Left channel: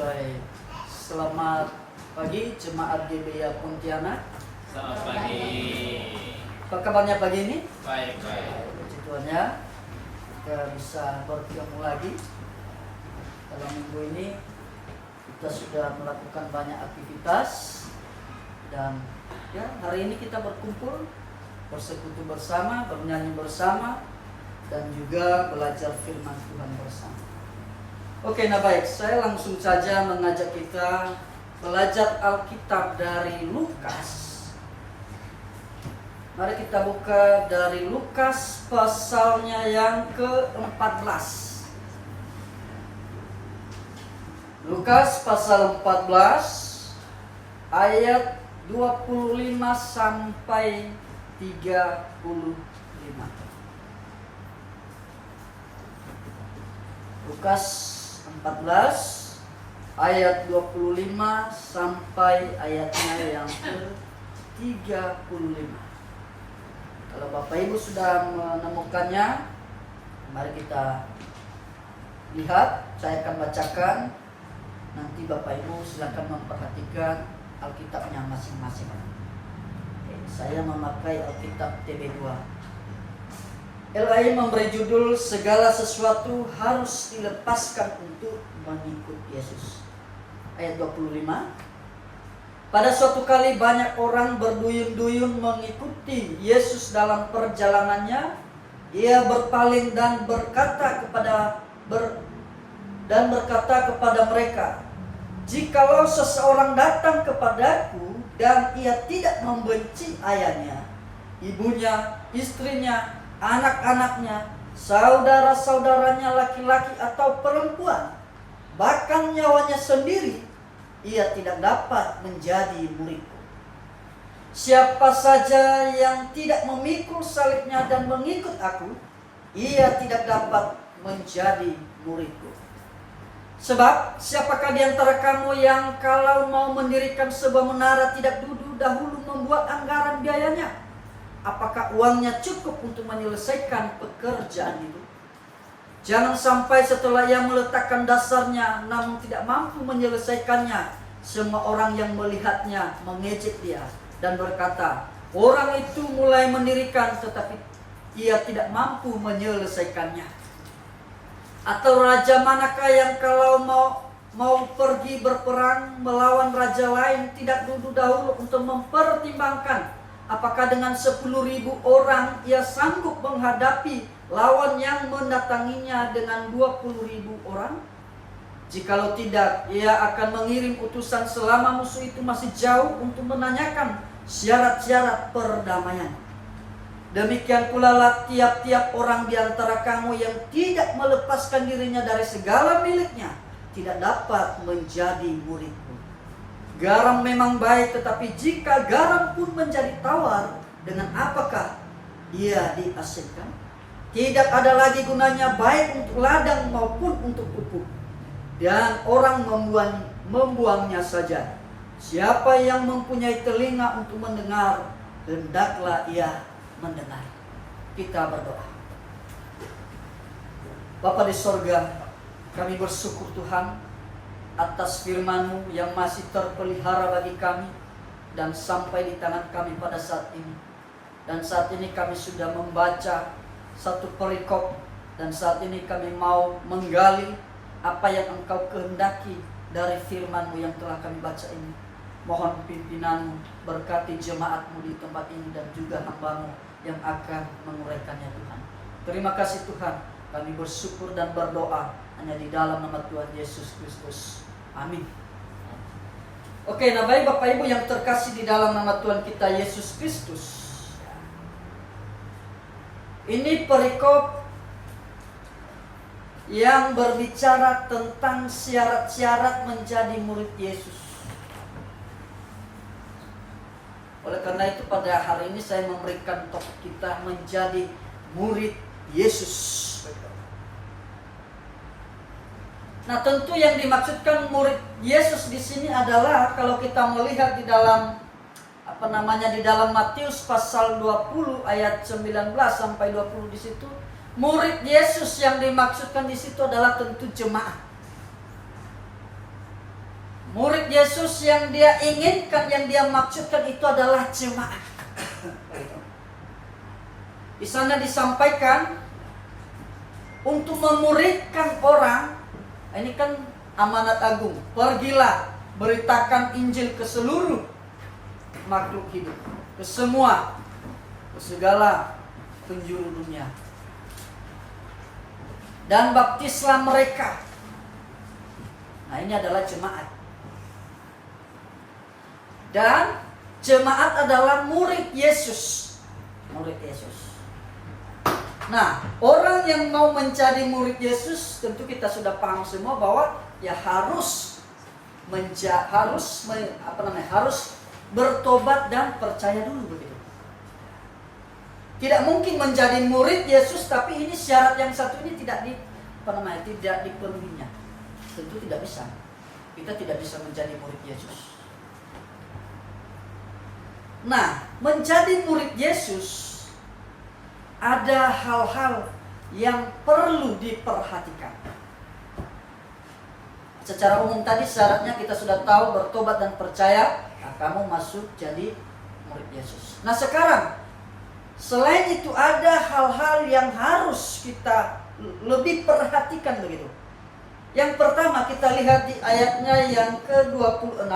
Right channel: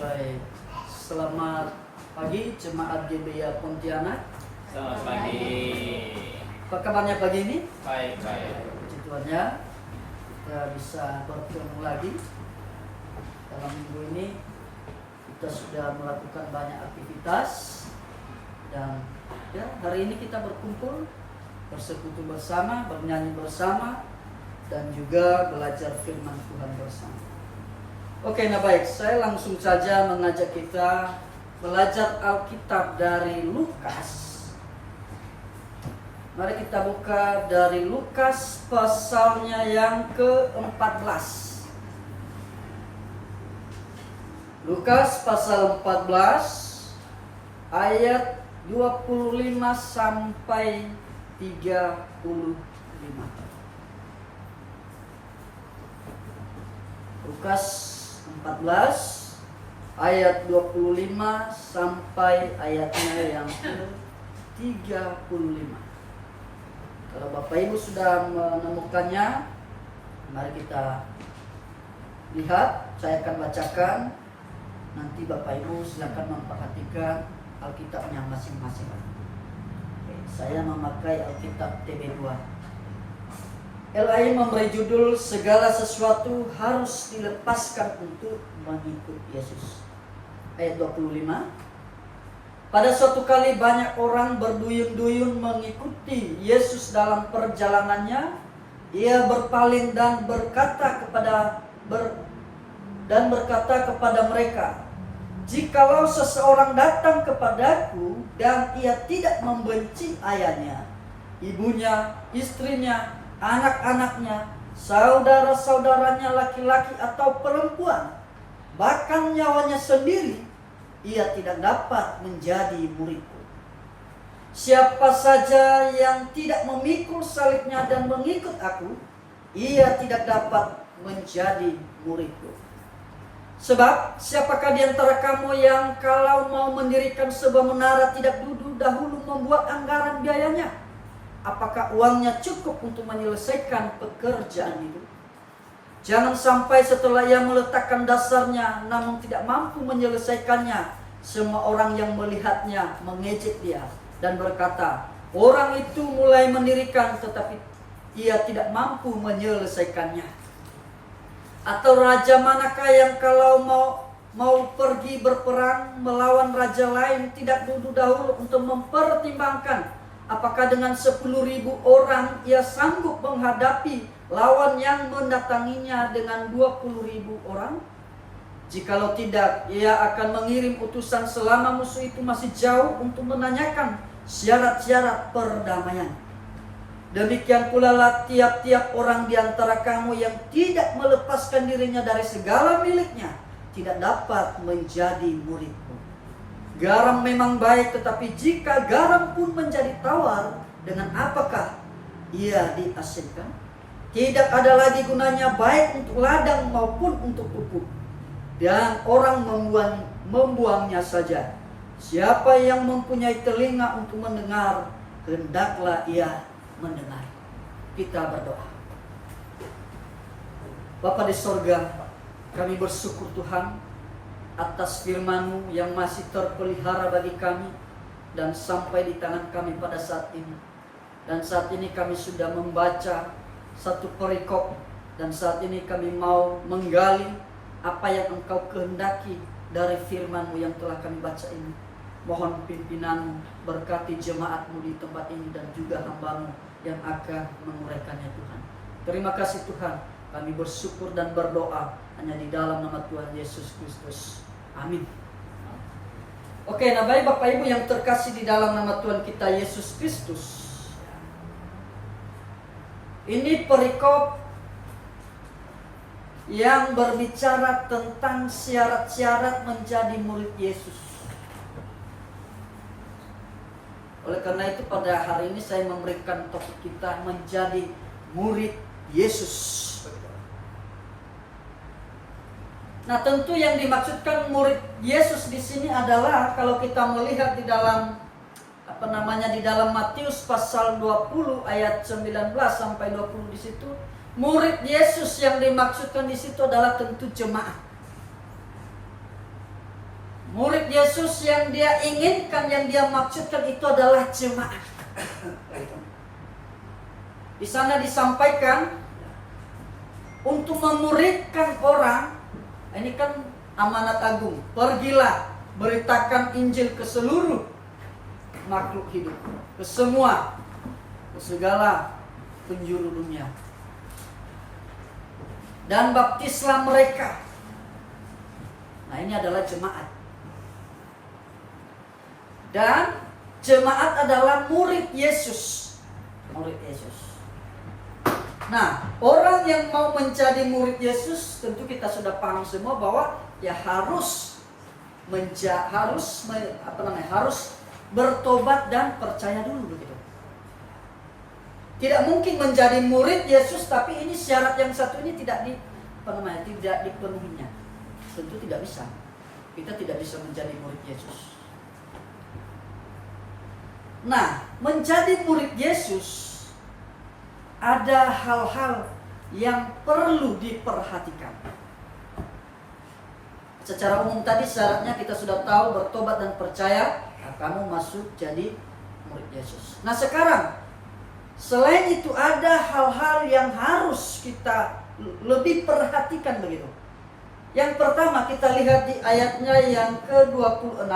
Baik, selamat pagi jemaat GBA Pontianak. Selamat pagi. Apa kabarnya pagi ini? Baik. Puji Tuhan ya, kita bisa bertemu lagi. Dalam minggu ini kita sudah melakukan banyak aktivitas dan ya hari ini kita berkumpul, bersekutu bersama, bernyanyi bersama, dan juga belajar firman Tuhan bersama. Oke, nah baik, saya langsung saja mengajak kita belajar Alkitab dari Lukas. Mari kita buka dari Lukas pasalnya yang ke-14. Lukas pasal 14 ayat 25 sampai 35. Lukas 14 ayat 25 sampai ayatnya yang ke-35. Kalau Bapak Ibu sudah menemukannya, mari kita lihat. Saya akan bacakan. Nanti Bapak Ibu silakan memperhatikan Alkitabnya masing-masing. Saya memakai Alkitab TB2. LAI memberi judul segala sesuatu harus dilepaskan untuk mengikut Yesus. Ayat 25. Pada suatu kali banyak orang berduyun-duyun mengikuti Yesus dalam perjalanannya. Ia berpaling dan berkata kepada mereka, "Jikalau seseorang datang kepadaku dan ia tidak membenci ayahnya, ibunya, istrinya, anak-anaknya, saudara-saudaranya laki-laki atau perempuan, bahkan nyawanya sendiri, ia tidak dapat menjadi muridku. Siapa saja yang tidak memikul salibnya dan mengikut aku, ia tidak dapat menjadi muridku. Sebab siapakah di antara kamu yang kalau mau mendirikan sebuah menara tidak dahulu membuat anggaran biayanya? Apakah uangnya cukup untuk menyelesaikan pekerjaan itu? Jangan sampai setelah ia meletakkan dasarnya namun tidak mampu menyelesaikannya, semua orang yang melihatnya mengejek dia dan berkata, orang itu mulai mendirikan tetapi ia tidak mampu menyelesaikannya. Atau raja manakah yang kalau mau pergi berperang melawan raja lain tidak dahulu untuk mempertimbangkan apakah dengan 10.000 orang ia sanggup menghadapi lawan yang mendatanginya dengan 20.000 orang? Jikalau tidak, ia akan mengirim utusan selama musuh itu masih jauh untuk menanyakan syarat-syarat perdamaian. Demikian pula lah tiap-tiap orang di antara kamu yang tidak melepaskan dirinya dari segala miliknya tidak dapat menjadi muridku. Garam memang baik, tetapi jika garam pun menjadi tawar, dengan apakah ia diasinkan? Tidak ada lagi gunanya baik untuk ladang maupun untuk pupuk, dan orang membuangnya saja. Siapa yang mempunyai telinga untuk mendengar, hendaklah ia mendengar. Kita berdoa. Bapa di sorga, kami bersyukur Tuhan atas firman-Mu yang masih terpelihara bagi kami dan sampai di tangan kami pada saat ini. Dan saat ini kami sudah membaca satu perikop, dan saat ini kami mau menggali apa yang Engkau kehendaki dari firman-Mu yang telah kami baca ini. Mohon pimpinan-Mu, berkati jemaat-Mu di tempat ini dan juga hamba-Mu yang akan menguraikannya Tuhan. Terima kasih Tuhan, kami bersyukur dan berdoa hanya di dalam nama Tuhan Yesus Kristus. Amin. Oke, nah baik Bapak Ibu yang terkasih di dalam nama Tuhan kita Yesus Kristus. Ini perikop yang berbicara tentang syarat-syarat menjadi murid Yesus. Oleh karena itu pada hari ini saya memberikan topik kita menjadi murid Yesus. Nah, tentu yang dimaksudkan murid Yesus di sini adalah kalau kita melihat di dalam di dalam Matius pasal 20 ayat 19 sampai 20 di situ, murid Yesus yang dimaksudkan di situ adalah tentu jemaat. Murid Yesus yang dia inginkan, yang dia maksudkan itu adalah jemaat. Di sana disampaikan untuk memuridkan orang. Ini kan amanat agung. Pergilah, beritakan Injil ke seluruh makhluk hidup, ke semua, ke segala penjuru dunia. Dan baptislah mereka. Nah, ini adalah jemaat. Dan jemaat adalah murid Yesus. Murid Yesus. Nah, orang yang mau menjadi murid Yesus, tentu kita sudah paham semua bahwa ya harus bertobat dan percaya dulu, begitu. Tidak mungkin menjadi murid Yesus tapi ini syarat yang satu ini tidak dipenuhinya. Tentu tidak bisa. Kita tidak bisa menjadi murid Yesus. Nah, menjadi murid Yesus ada hal-hal yang perlu diperhatikan. Secara umum tadi syaratnya kita sudah tahu, bertobat dan percaya, nah, kamu masuk jadi murid Yesus. Nah, sekarang selain itu ada hal-hal yang harus kita lebih perhatikan, begitu. Yang pertama kita lihat di ayatnya yang ke-26.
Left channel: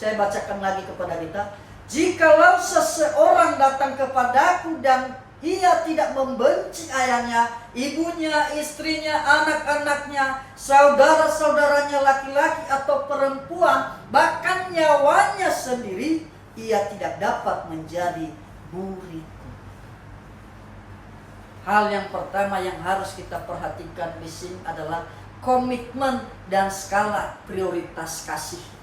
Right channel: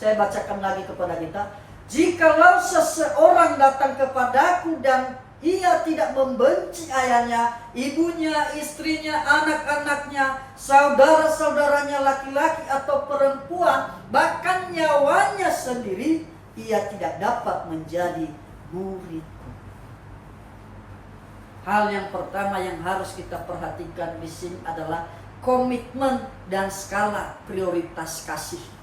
Saya bacakan lagi kepada kita. Jikalau seseorang datang kepadaku dan ia tidak membenci ayahnya, ibunya, istrinya, anak-anaknya, saudara-saudaranya laki-laki atau perempuan, bahkan nyawanya sendiri, ia tidak dapat menjadi muridku. Hal yang pertama yang harus kita perhatikan di sini adalah komitmen dan skala prioritas kasih.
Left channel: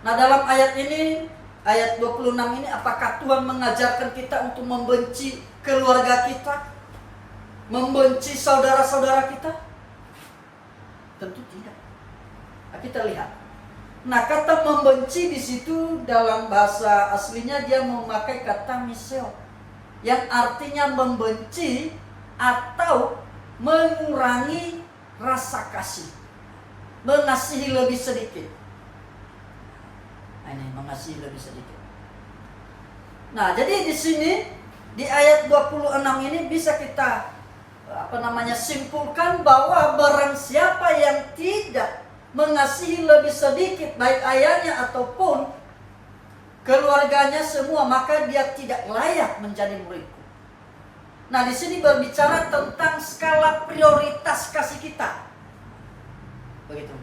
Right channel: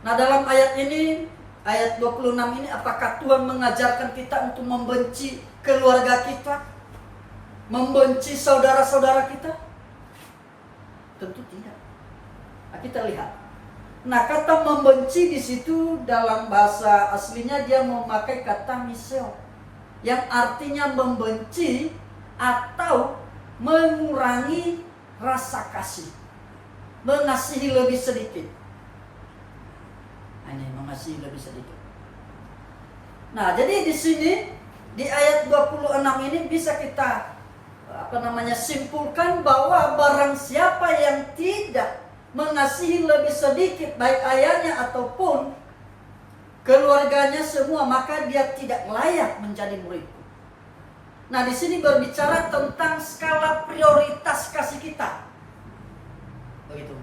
Nah, dalam ayat ini, ayat 26 ini, apakah Tuhan mengajarkan kita untuk membenci keluarga kita? Membenci saudara-saudara kita? Tentu tidak. Nah, kita lihat. Nah, kata membenci di situ dalam bahasa aslinya dia memakai kata miseo, yang artinya membenci atau mengurangi rasa kasih, mengasihi lebih sedikit. Nah, ini mengasihi lebih sedikit. Nah, jadi di sini di ayat 26 ini bisa kita simpulkan bahwa barang siapa yang tidak mengasihi lebih sedikit baik ayahnya ataupun keluarganya semua, maka dia tidak layak menjadi muridku. Nah, di sini berbicara tentang skala prioritas kasih kita. Begitu.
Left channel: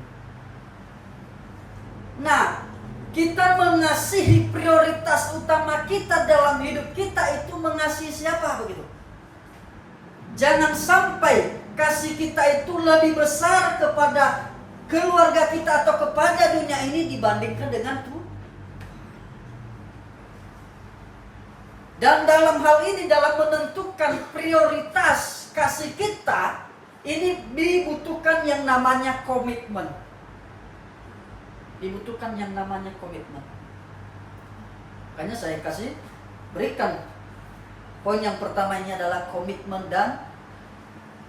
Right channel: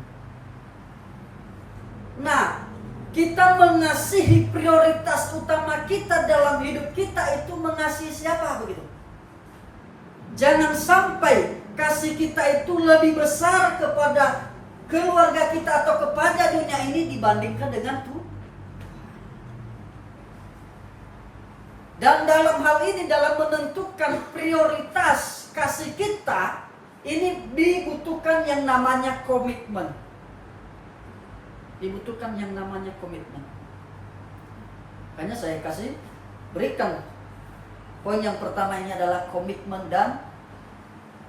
Nah, kita mengasihi prioritas utama kita dalam hidup kita itu mengasihi siapa, begitu. Jangan sampai kasih kita itu lebih besar kepada keluarga kita atau kepada dunia ini dibandingkan dengan Tuhan. Dan dalam hal ini, dalam menentukan prioritas kasih kita, ini dibutuhkan yang namanya komitmen. Dibutuhkan yang namanya komitmen. Makanya saya berikan poin yang pertama ini adalah komitmen dan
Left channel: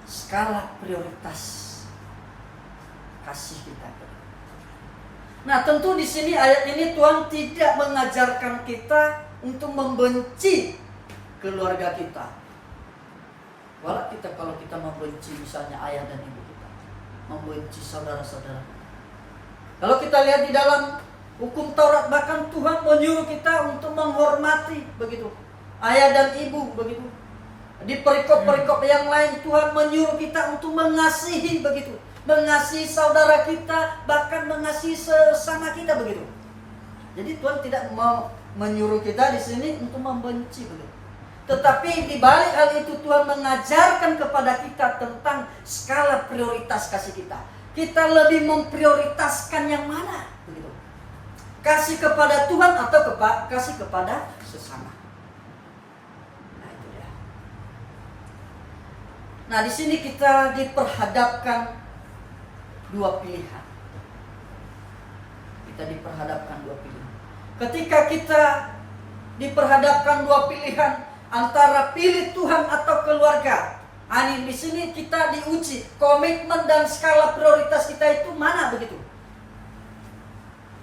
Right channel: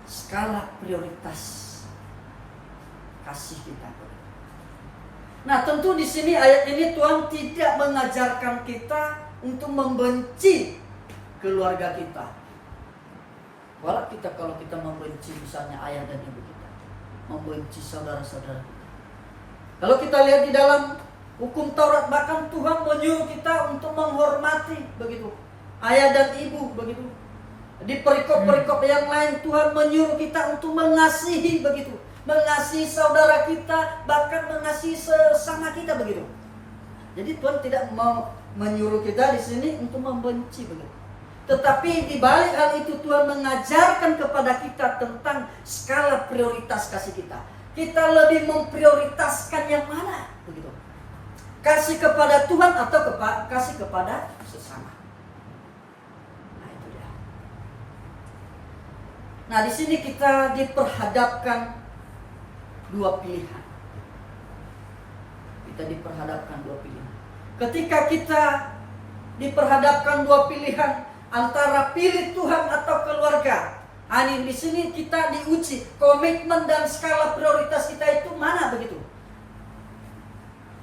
skala prioritas kasih kita. Nah, tentu di sini ayat ini Tuhan tidak mengajarkan kita untuk membenci keluarga kita. Kalau kita membenci misalnya ayah dan ibu kita, membenci saudara-saudara kita. Kalau kita lihat di dalam hukum Taurat, bahkan Tuhan menyuruh kita untuk menghormati, begitu, ayah dan ibu, begitu. Di perikop-perikop yang lain Tuhan menyuruh kita untuk mengasihi, begitu, mengasihi saudara kita, bahkan mengasihi sesama kita, begitu. Jadi Tuhan tidak mau menyuruh kita di sini untuk membenci, begitu. Tetapi di balik hal itu Tuhan mengajarkan kepada kita tentang skala prioritas kasih kita. Kita lebih memprioritaskan yang mana, begitu. Kasih kepada Tuhan atau kasih kepada sesama. Nah, itu dia. Nah, di sini kita diperhadapkan dua pilihan. Kita diperhadapkan dua pilihan. Ketika kita diperhadapkan dua pilihan antara pilih Tuhan atau keluarga, ini di sini kita diuji komitmen dan skala prioritas kita itu mana, begitu.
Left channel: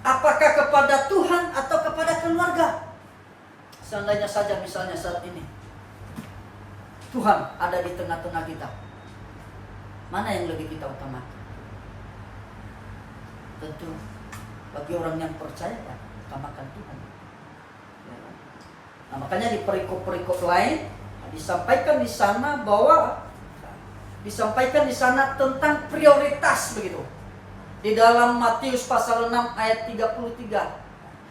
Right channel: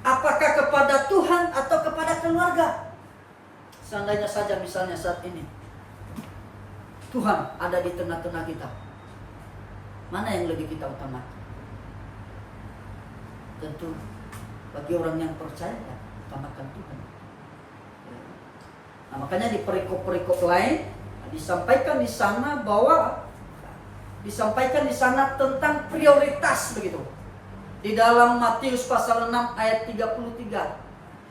Apakah kepada Tuhan atau kepada keluarga? Seandainya saja misalnya saat ini Tuhan ada di tengah-tengah kita, mana yang lebih kita utamakan? Tentu bagi orang yang percaya, utamakan Tuhan. Nah, makanya di perikop-perikop lain disampaikan di sana tentang prioritas begitu. Di dalam Matius pasal 6 ayat 33.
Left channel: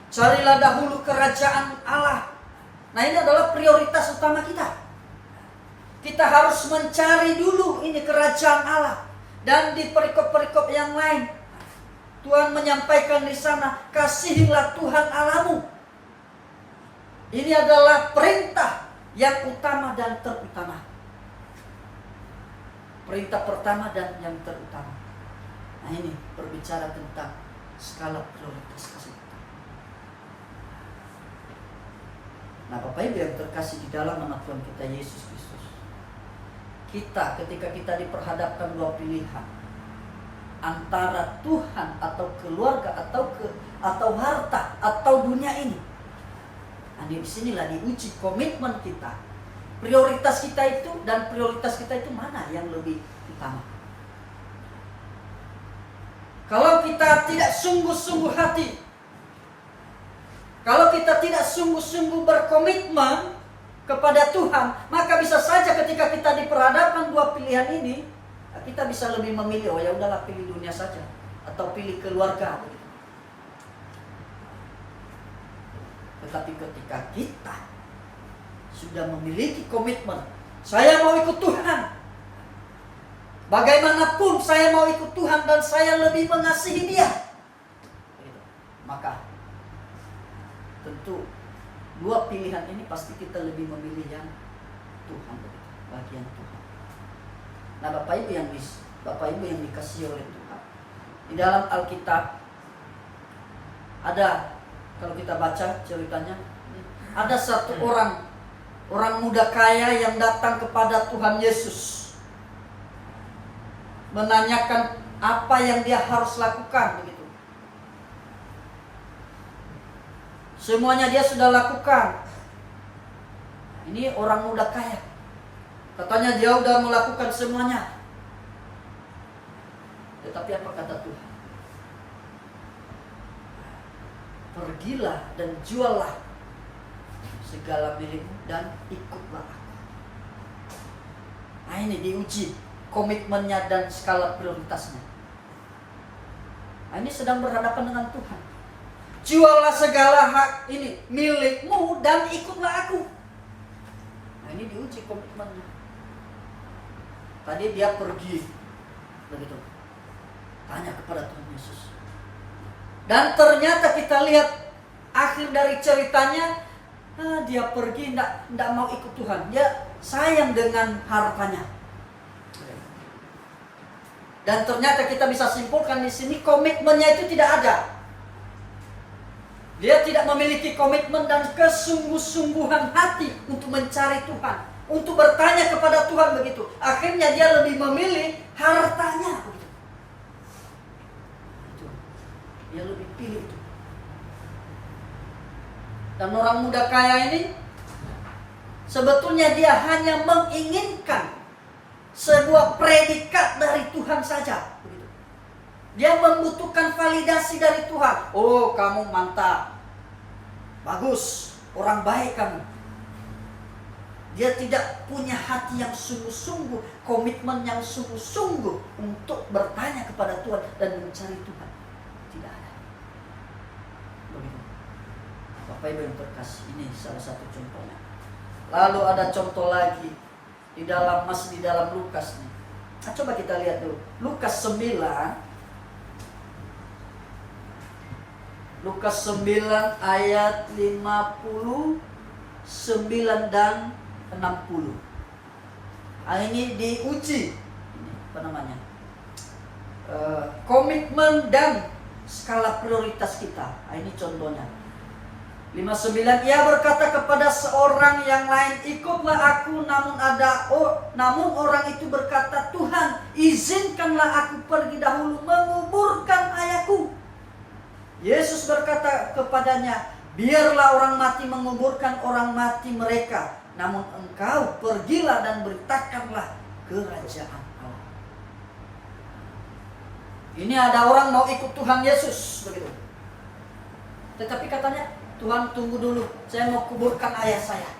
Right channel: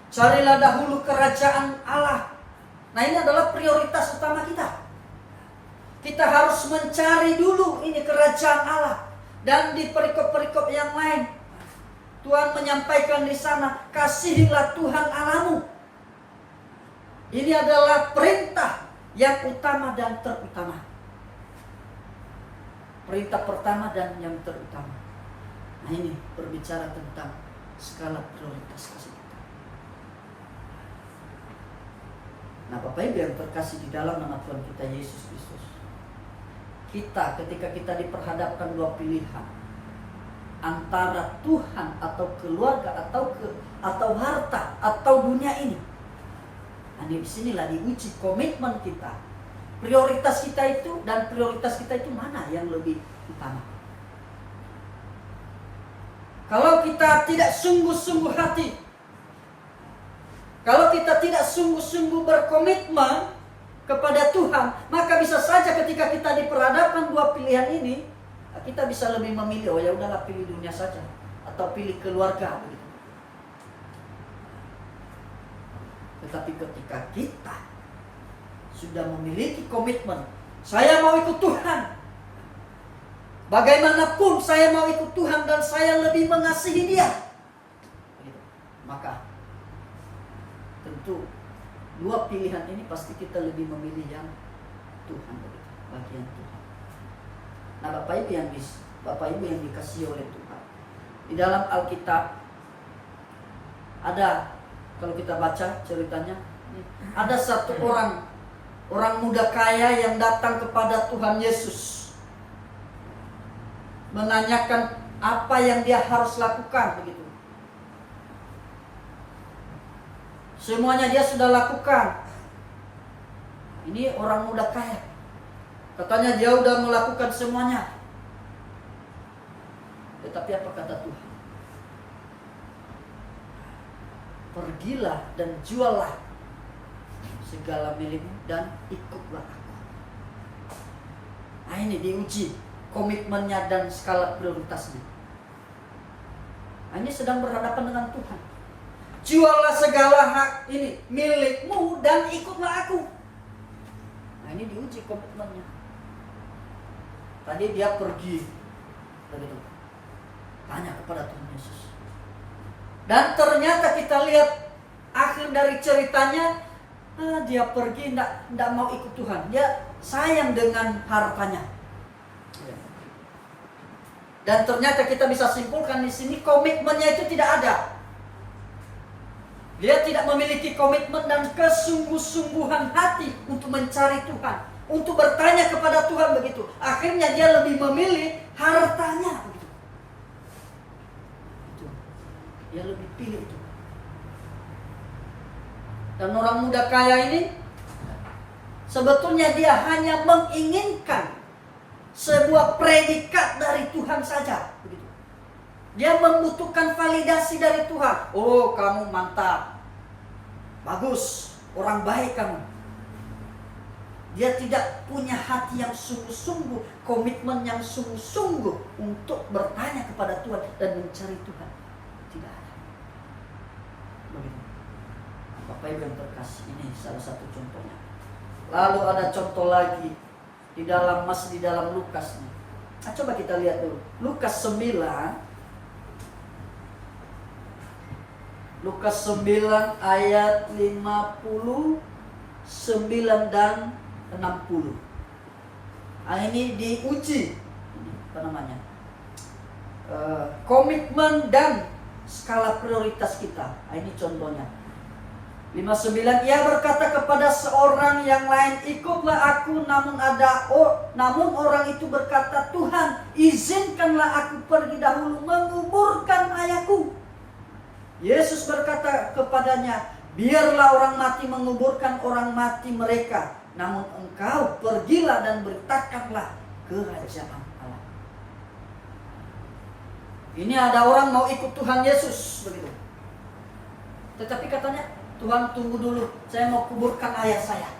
Carilah dahulu kerajaan Allah. Nah, ini adalah prioritas utama kita. Kita harus mencari dulu ini kerajaan Allah. Dan di perikop-perikop yang lain Tuhan menyampaikan di sana, kasihilah Tuhan Allahmu. Ini adalah perintah yang utama dan terutama. Perintah pertama dan yang terutama. Nah, ini berbicara tentang skala prioritas kasih kita. Nah, Bapak Ibu yang terkasih di dalam nama Tuhan kita Yesus Kristus, kita ketika kita diperhadapkan dua pilihan antara Tuhan atau keluarga atau harta atau dunia ini. Nah, di sinilah diuji komitmen kita. Prioritas kita itu mana yang lebih utama? Kalau kita tidak sungguh-sungguh hati, kalau kita tidak sungguh-sungguh berkomitmen kepada Tuhan, maka bisa saja ketika kita diperhadapkan dua pilihan ini, kita bisa lebih memilih, oh ya udahlah pilih dunia saja, atau pilih keluarga begitu. Tetapi ketika kita sudah memiliki komitmen, saya mau ikut Tuhan, bagaimanapun saya mau ikut Tuhan dan saya lebih mengasihi Dia, begitu. Maka tentu dua pilihan ini pasti kita lebih memilih yang Tuhan, begitu, bagian Tuhan. Nah, Bapak Ibu yang dikasihi oleh Tuhan, di dalam Alkitab ada, kalau kita baca ceritanya, ada satu orang muda kaya yang datang kepada Tuhan Yesus, menanyakan apa yang dia harus lakukan begitu. Semuanya dia sudah lakukan. Ini orang muda kaya, katanya dia sudah melakukan semuanya. Tetapi apa kata Tuhan? Pergilah dan juallah segala milikmu dan ikutlah aku. Nah, ini diuji komitmennya dan skala prioritasnya. Nah, ini sedang berhadapan dengan Tuhan. Juallah segala hak ini milikmu dan ikutlah aku. Nah, ini diuji komitmennya. Tadi dia pergi begitu, tanya kepada Tuhan Yesus. Dan ternyata kita lihat akhir dari ceritanya, dia pergi tidak mau ikut Tuhan. Dia sayang dengan hartanya. Dan ternyata kita bisa simpulkan di sini komitmennya itu tidak ada. Dia tidak memiliki komitmen dan kesungguh-sungguhan hati untuk mencari Tuhan, untuk bertanya kepada Tuhan begitu. Akhirnya dia lebih memilih hartanya begitu. Dia lebih pilih itu. Dan orang muda kaya ini sebetulnya dia hanya menginginkan sebuah predikat dari Tuhan saja begitu. Dia membutuhkan validasi dari Tuhan. Oh, kamu mantap, bagus, orang baik kamu. Dia tidak punya hati yang sungguh-sungguh, komitmen yang sungguh-sungguh untuk bertanya kepada Tuhan dan mencari Tuhan. Tidak ada. Begitu. Bapak Ibu yang terkasih, ini salah satu contohnya. Lalu ada contoh lagi di dalam Lukas nih. Nah, coba kita lihat dulu. Lukas 9 ayat 59 dan 60. Ini diuji komitmen dan skala prioritas kita. Ini contohnya. 59, ia berkata kepada seorang yang lain, ikutlah aku, namun orang itu berkata, Tuhan, izinkanlah aku pergi dahulu menguburkan ayahku. Yesus berkata kepadanya, biarlah orang mati menguburkan orang mati mereka, namun engkau pergilah dan beritakanlah kerajaan Allah. Ini ada orang mau ikut Tuhan Yesus begitu. Tetapi katanya, Tuhan tunggu dulu, saya mau kuburkan ayah saya.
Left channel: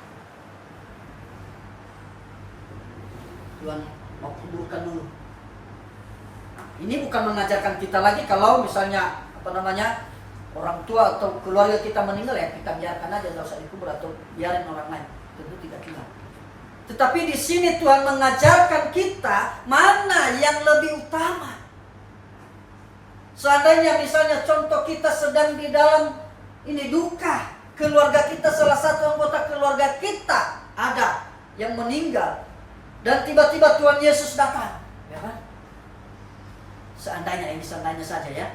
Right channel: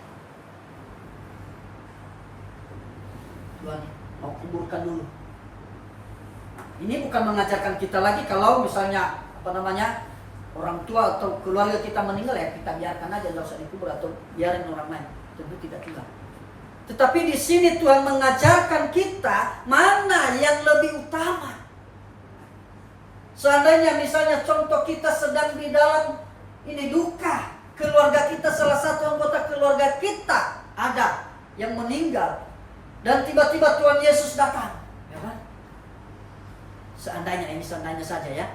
Tuhan mau kuburkan dulu. Ini bukan mengajarkan kita lagi kalau misalnya orang tua atau keluarga kita meninggal, ya kita biarkan aja, nggak usah dikubur atau biarin orang lain. Tentu tidak juga. Tetapi di sini Tuhan mengajarkan kita mana yang lebih utama. Seandainya misalnya contoh kita sedang di dalam ini duka, keluarga kita, salah satu anggota keluarga kita ada yang meninggal, dan tiba-tiba Tuhan Yesus datang, ya kan? Seandainya, ini seandainya saja ya.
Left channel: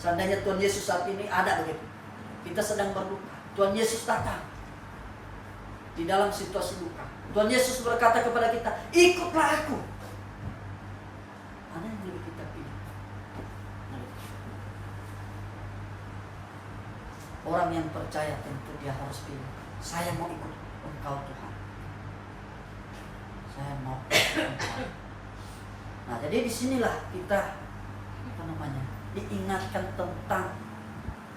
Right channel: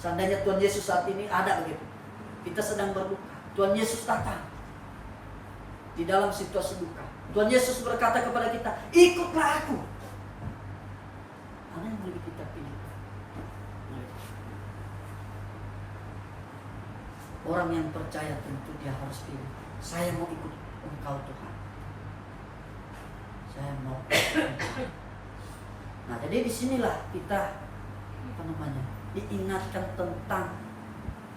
Seandainya Tuhan Yesus saat ini ada begitu, kita sedang berduka, Tuhan Yesus datang di dalam situasi duka. Tuhan Yesus berkata kepada kita, ikutlah aku. Mana yang lebih kita pilih? Orang yang percaya tentu dia harus pilih, saya mau ikut Engkau Tuhan, saya mau ikut Engkau. Nah, jadi disinilah kita diingatkan tentang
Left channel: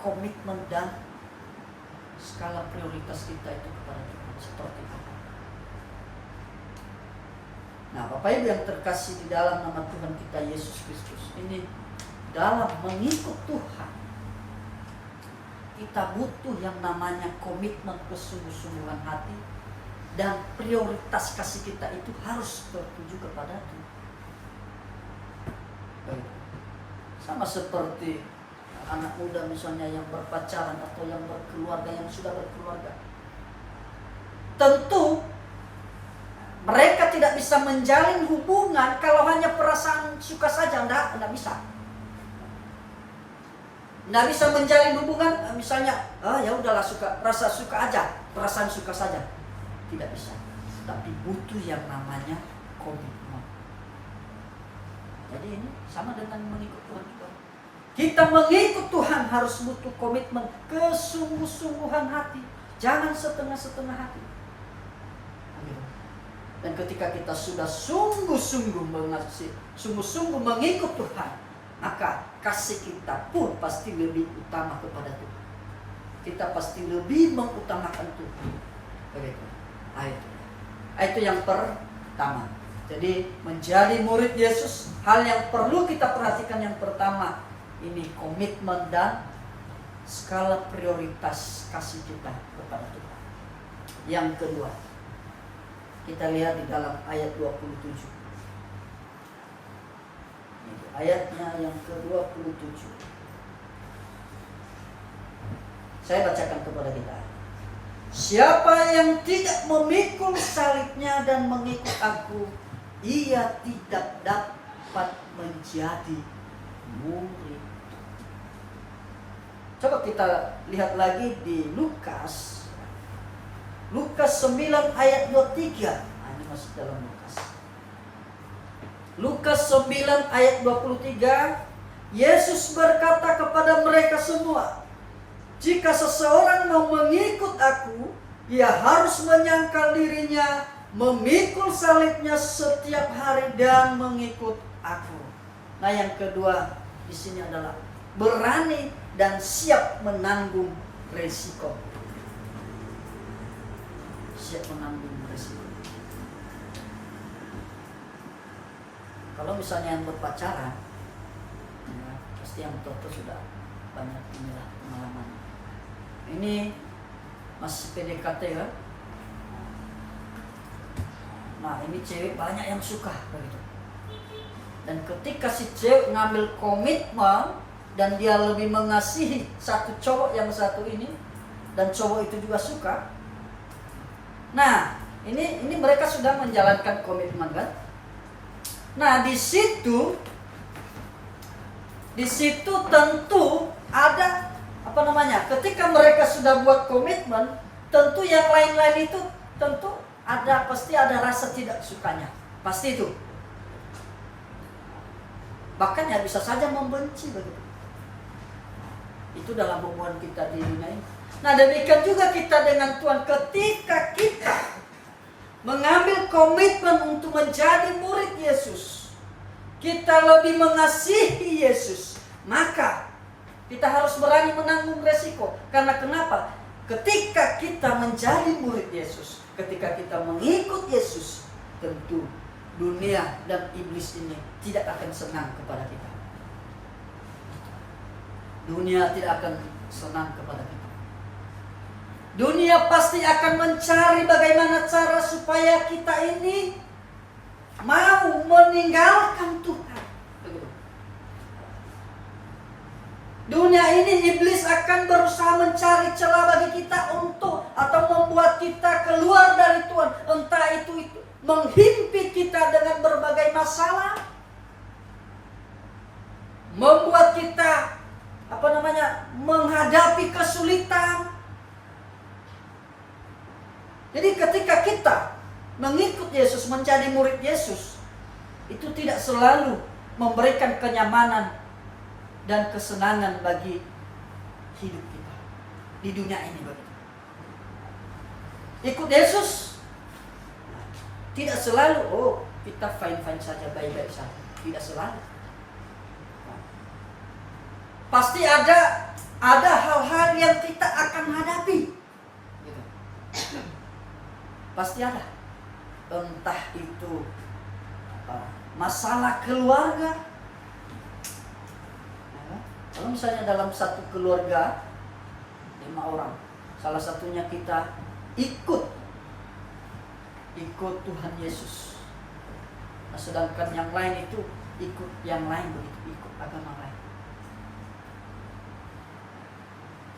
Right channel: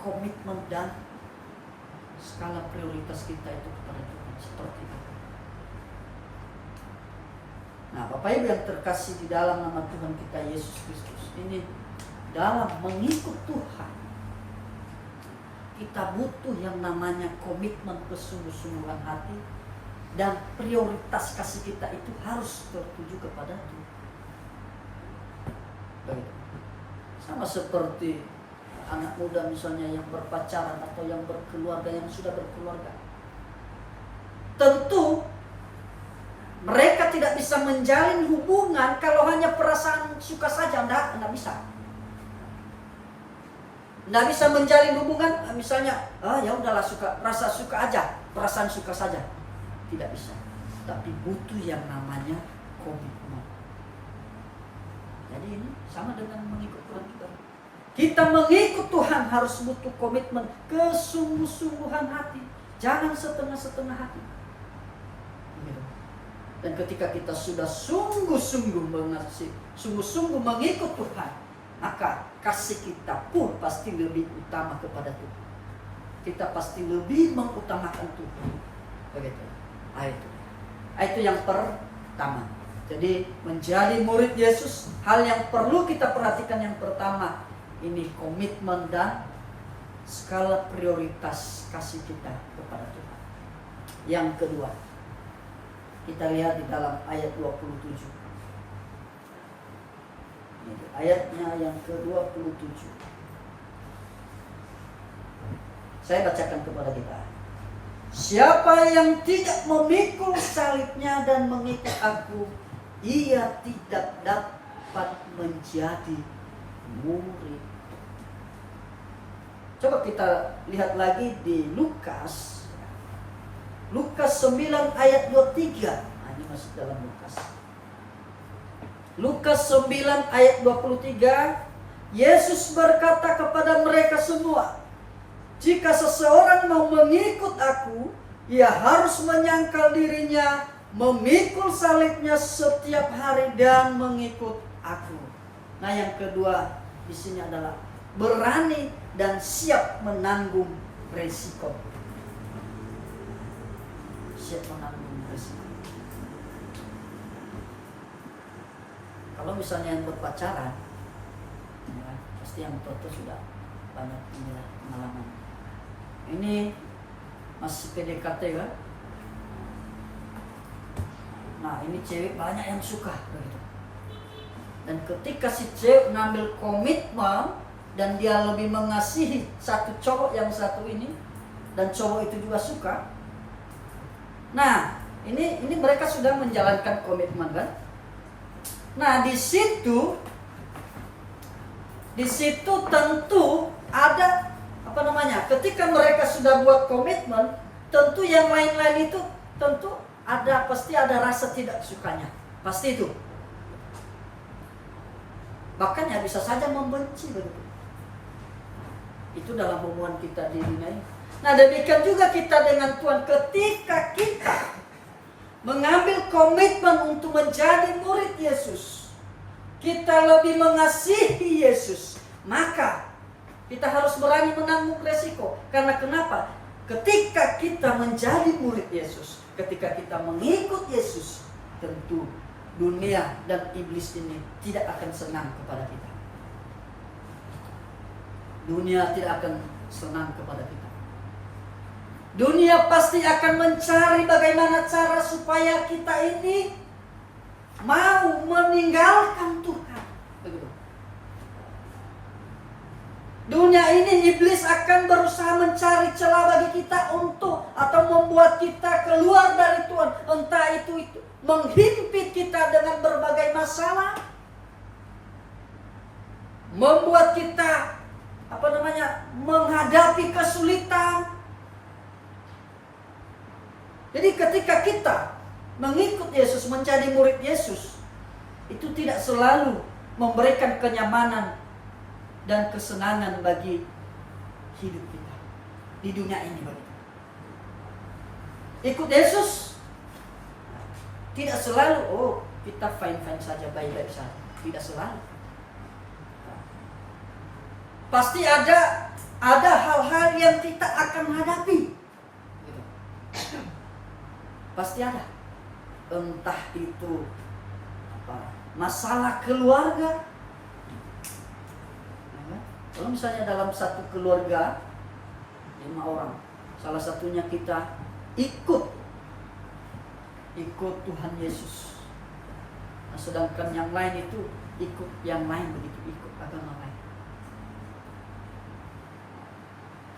komitmen dan skala prioritas kita itu kepada Tuhan seperti apa. Nah, Bapak Ibu yang terkasih di dalam nama Tuhan kita Yesus Kristus, ini dalam mengikut Tuhan kita butuh yang namanya komitmen, kesungguh-sungguhan hati, dan prioritas kasih kita itu harus tertuju kepada Tuhan. Sama seperti anak muda misalnya yang berpacaran atau yang berkeluarga, yang sudah berkeluarga. Tentu mereka tidak bisa menjalin hubungan kalau hanya perasaan suka saja, enggak bisa. Enggak bisa menjalin hubungan misalnya, ya udahlah rasa suka aja, perasaan suka saja. Tidak bisa. Tapi butuh yang namanya komitmen. Jadi ini sama dengan mengikut Tuhan kita. Kita mengikut Tuhan harus butuh komitmen, kesungguh-sungguhan hati. Jangan setengah-setengah hati. Dan ketika kita sudah sungguh-sungguh mengasihi, sungguh-sungguh mengikut Tuhan, maka kasih kita pun pasti lebih utama kepada Tuhan. Kita pasti lebih mengutamakan Tuhan. Begitu. Itu yang pertama. Jadi menjadi murid Yesus, hal yang perlu kita perhatikan yang pertama, ini komitmen dan skala prioritas kasih kita kepada Tuhan. Yang kedua, kita lihat di dalam ayat 27. Ini ayatnya yang ke-27. Saya bacakan kepada kita. Siapa yang tidak memikul salibnya dan mengikut aku, ia tidak dapat menjadi murid. Coba kita lihat lagi di Lukas 9 ayat 23. Nah, ini masih dalam Lukas. Lukas 9 ayat 23. Yesus berkata kepada mereka semua, jika seseorang mau mengikut aku, ia harus menyangkal dirinya, memikul salibnya setiap hari dan mengikut aku. Nah, yang kedua di sini adalah berani dan siap menanggung resiko. Siap menanggung resiko. Kalau misalnya yang berpacaran, ya, pasti yang betul-betul sudah banyak inilah pengalaman. Ini masih PDKT kan? Nah, ini cewek banyak yang suka begitu. Dan ketika si cewek ngambil komitmen dan dia lebih mengasihi satu cowok yang satu ini, dan cowok itu juga suka. Nah, ini mereka sudah menjalankan komitmen kan? Nah, di situ tentu ada ketika mereka sudah buat komitmen, tentu yang lain-lain itu tentu pasti ada rasa tidak sukanya. Pasti itu. Bahkan ya bisa saja membenci begitu. Itu dalam hubungan kita di dunia ini. Nah, demikian juga kita dengan Tuhan. Ketika kita mengambil komitmen untuk menjadi murid Yesus, kita lebih mengasihi Yesus, maka kita harus berani menanggung resiko. Karena kenapa? Ketika kita menjadi murid Yesus, ketika kita mengikut Yesus, tentu dunia dan iblis ini tidak akan senang kepada kita. Dunia tidak akan senang kepada kita. Dunia pasti akan mencari bagaimana cara supaya kita ini mau meninggalkan Tuhan. Begitu. Dunia ini iblis akan berusaha mencari celah bagi kita untuk atau membuat kita keluar dari Tuhan. Entah itu menghimpit kita dengan berbagai masalah, membuat kita menghadapi kesulitan. Jadi ketika kita mengikut Yesus, menjadi murid Yesus, itu tidak selalu memberikan kenyamanan dan kesenangan bagi hidup kita di dunia ini begitu. Ikut Yesus tidak selalu kita fine-fine saja, baik-baik saja. Tidak selalu. Pasti ada hal-hal yang kita akan hadapi. Gitu. Pasti ada. Entah itu masalah keluarga. Kalau misalnya dalam satu keluarga 5 orang, salah satunya kita ikut Tuhan Yesus. Nah, sedangkan yang lain itu ikut yang lain begitu, ikut agama lain.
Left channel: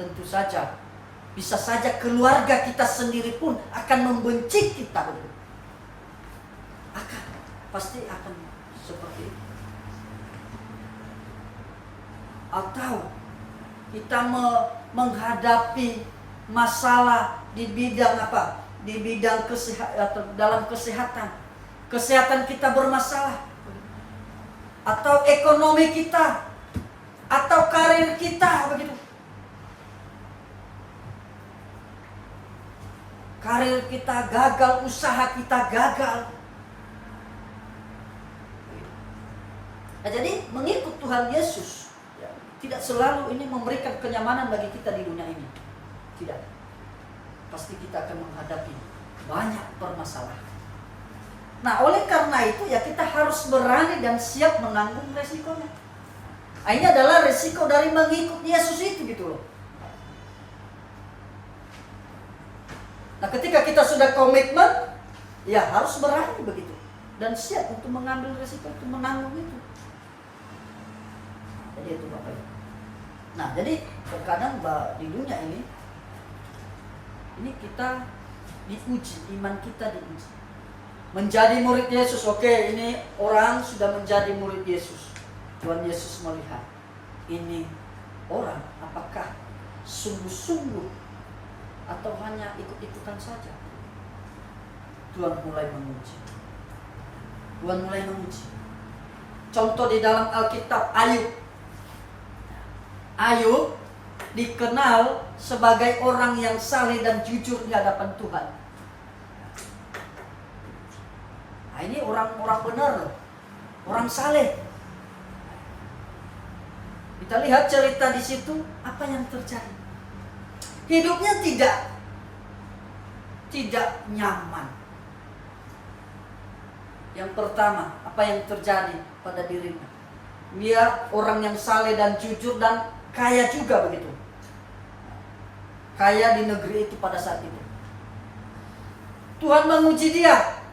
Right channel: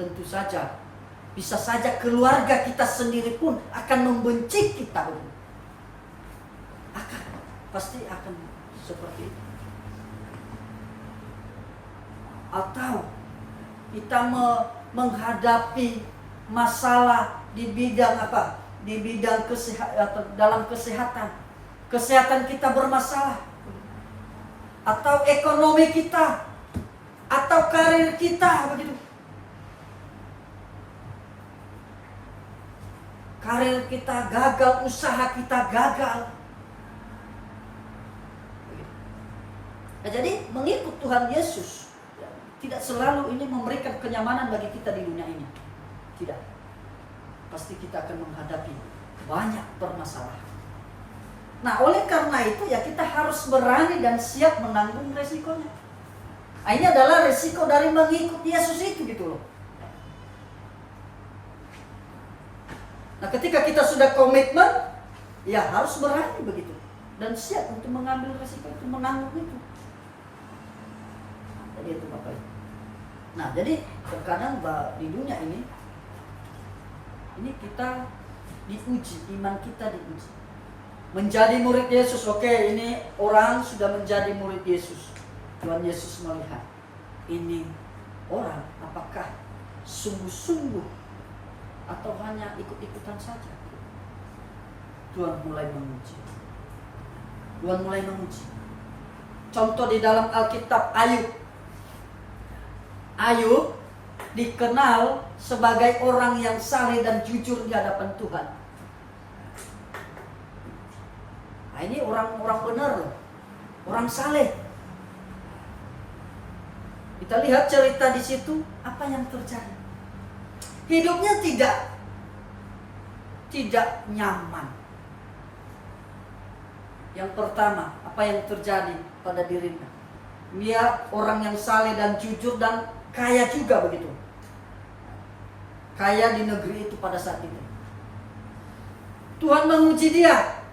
Tentu saja, bisa saja keluarga kita sendiri pun akan membenci kita begitu. Pasti akan seperti itu. Atau kita menghadapi masalah di bidang apa? Di bidang kesehatan, dalam kesehatan. Kesehatan kita bermasalah. Atau ekonomi kita, atau karir kita begitu. Karir kita gagal, usaha kita gagal. Nah, jadi mengikut Tuhan Yesus tidak selalu ini memberikan kenyamanan bagi kita di dunia ini. Tidak. Pasti kita akan menghadapi banyak permasalahan. Nah, oleh karena itu ya kita harus berani dan siap menanggung resikonya. Nah, ini adalah resiko dari mengikut Yesus itu gitu loh. Nah, ketika kita sudah komitmen, ya harus berani begitu. Dan siap untuk mengambil resiko itu, menanggung itu. Jadi itu Bapak Ibu. Nah, jadi terkadang di dunia ini kita diuji, iman kita diuji. Menjadi murid Yesus, oke, ini orang sudah menjadi murid Yesus. Tuhan Yesus melihat, ini orang apakah sungguh-sungguh atau hanya ikut-ikutan saja. Tuhan mulai menguji. Contoh di dalam Alkitab, Ayub dikenal sebagai orang yang saleh dan jujur di hadapan Tuhan. Nah, ini orang-orang benar loh. Orang saleh. Kita lihat cerita di situ, apa yang terjadi. Hidupnya tidak nyaman. Yang pertama, apa yang terjadi pada dirinya? Dia orang yang saleh dan jujur dan kaya juga begitu. Kaya di negeri itu pada saat itu. Tuhan menguji dia.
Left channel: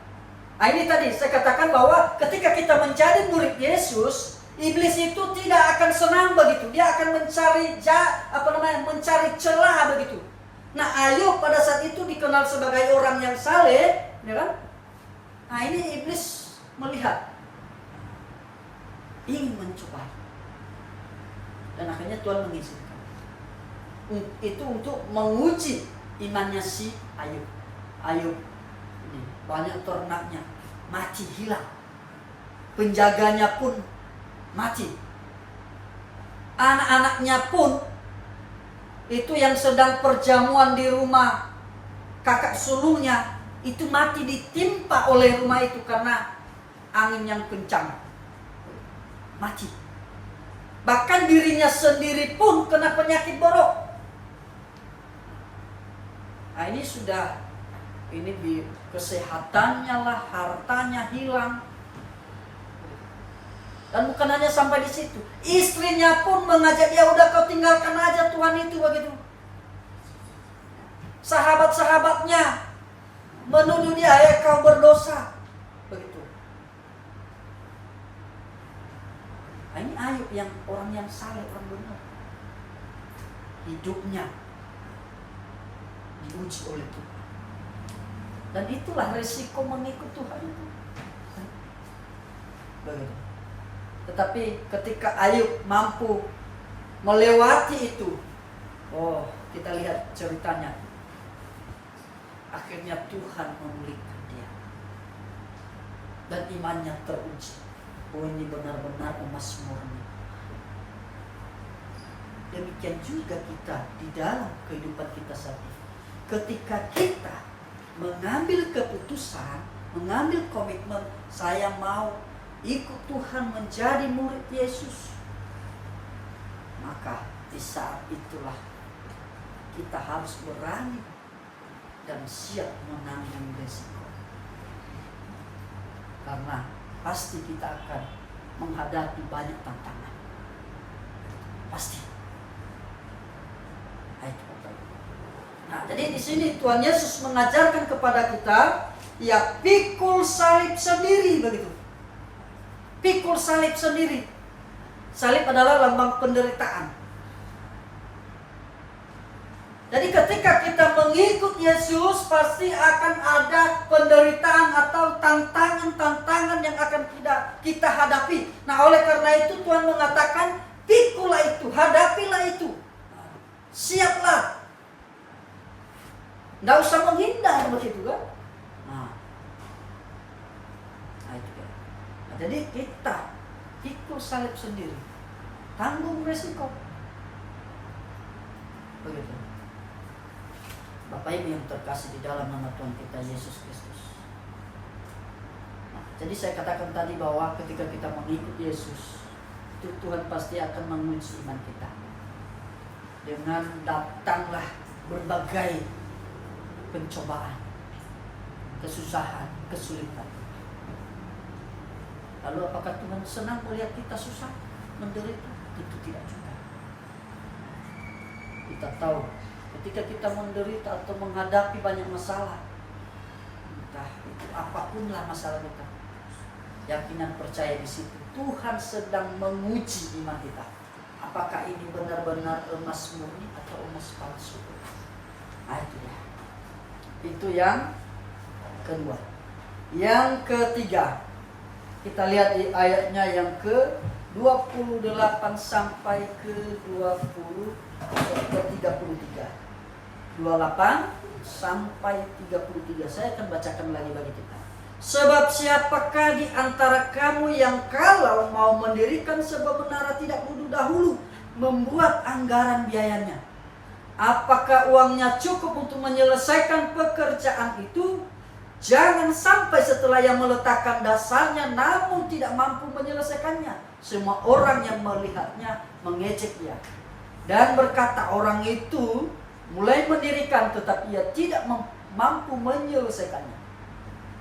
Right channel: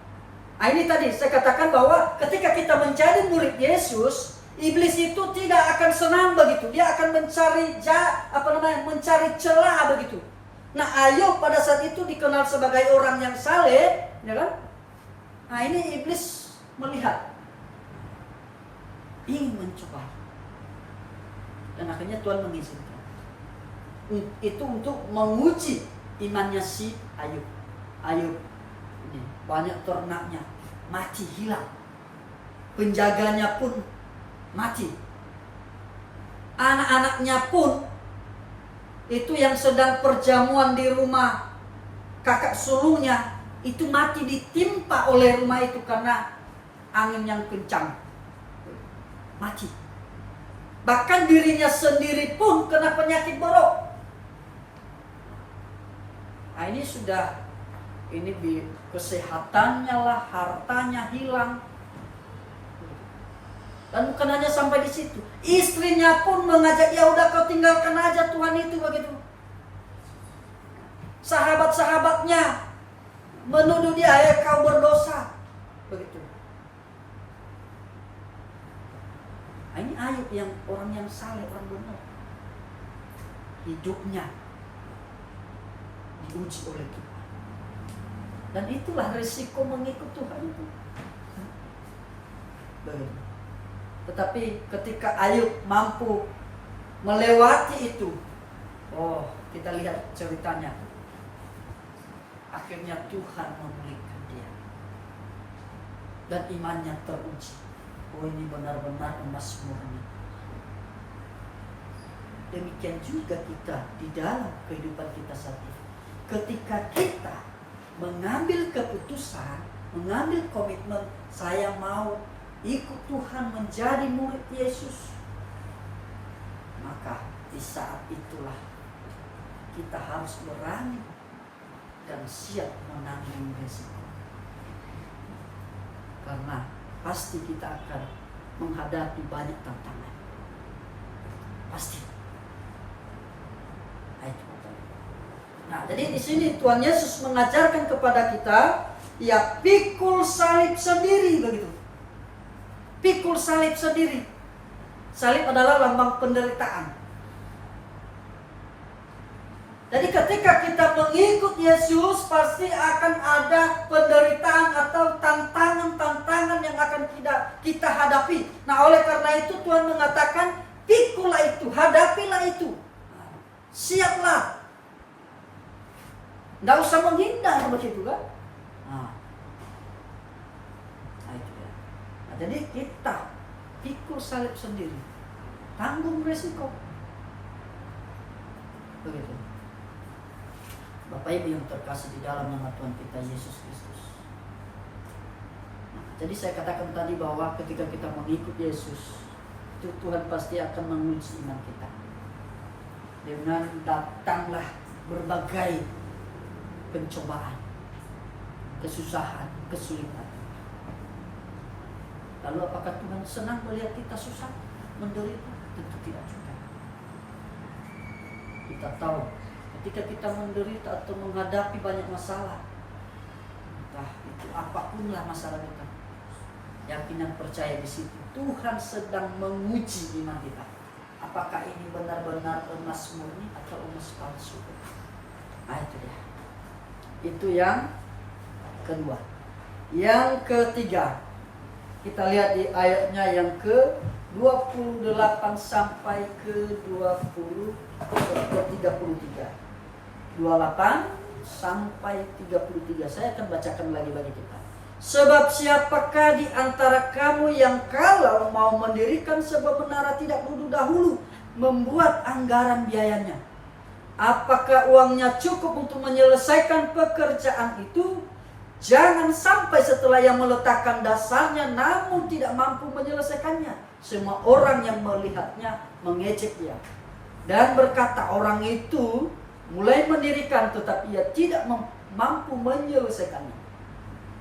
Nah, ini tadi saya katakan bahwa ketika kita menjadi murid Yesus, iblis itu tidak akan senang begitu. Dia akan mencari celah begitu. Nah, Ayub pada saat itu dikenal sebagai orang yang saleh, ya kan? Nah, ini iblis melihat, ingin mencoba. Dan akhirnya Tuhan mengizinkan. Itu untuk menguji imannya si Ayub. Ayub ini banyak ternaknya mati, hilang. Penjaganya pun mati. Anak-anaknya pun Itu yang sedang perjamuan di rumah kakak sulungnya, itu mati ditimpa oleh rumah itu karena angin yang kencang. Mati. Bahkan dirinya sendiri pun kena penyakit borok. Nah ini sudah, ini kesehatannya lah, hartanya hilang. Dan bukan hanya sampai di situ, istrinya pun mengajak, ya udah kau tinggalkan aja Tuhan itu, begitu. Sahabat-sahabatnya menuduh dia, ya kau berdosa, begitu. Nah, ini Ayub yang orang yang saleh, orang benar. Hidupnya diuji oleh Tuhan. Dan itulah risiko mengikut Tuhan itu. Begitu. Tetapi ketika Ayub mampu melewati itu, oh, kita lihat ceritanya. Akhirnya Tuhan memulihkan dia. Dan imannya teruji. Oh, ini benar-benar emas murni. Demikian juga kita di dalam kehidupan kita saat ini. Ketika kita mengambil keputusan, mengambil komitmen, saya mau ikut Tuhan menjadi murid Yesus, maka di saat itulah kita harus berani dan siap menanggung resiko. Karena pasti kita akan menghadapi banyak tantangan. Pasti. Nah, jadi di sini Tuhan Yesus mengajarkan kepada kita, ya pikul salib sendiri, begitu. Pikul salib sendiri. Salib adalah lambang penderitaan. Jadi ketika kita mengikut Yesus, pasti akan ada penderitaan atau tantangan-tantangan yang akan kita hadapi. Nah, oleh karena itu Tuhan mengatakan, pikulah itu, hadapilah itu. Siaplah. Nggak usah menghindar begitu kan? Nah itu ya. Nah, jadi kita pikul salib sendiri, tanggung resiko. Begitu. Bapak Ibu yang terkasih di dalam nama Tuhan kita Yesus Kristus. Nah, jadi saya katakan tadi bahwa ketika kita mengikut Yesus, itu Tuhan pasti akan menguji iman kita. Dengan datanglah berbagai pencobaan, kesusahan, kesulitan. Lalu apakah Tuhan senang melihat kita susah, menderita? Tentu tidak juga. Kita tahu ketika kita menderita atau menghadapi banyak masalah, entah itu apapunlah masalah kita, yakinan percaya di situ Tuhan sedang menguji iman kita. Apakah ini benar-benar emas murni atau emas palsu? Nah itu dia. Itu yang kedua. Yang ketiga, kita lihat di ayatnya yang ke-28 sampai ke-33. 28 sampai 33. Saya akan bacakan lagi bagi kita. Sebab siapakah di antara kamu yang kalau mau mendirikan sebuah menara tidak dahulu membuat anggaran biayanya? Apakah uangnya cukup untuk menyelesaikan pekerjaan itu? Jangan sampai setelah yang meletakkan dasarnya namun tidak mampu menyelesaikannya, semua orang yang melihatnya mengejek dia dan berkata, orang itu mulai mendirikan tetapi ia tidak mampu menyelesaikannya.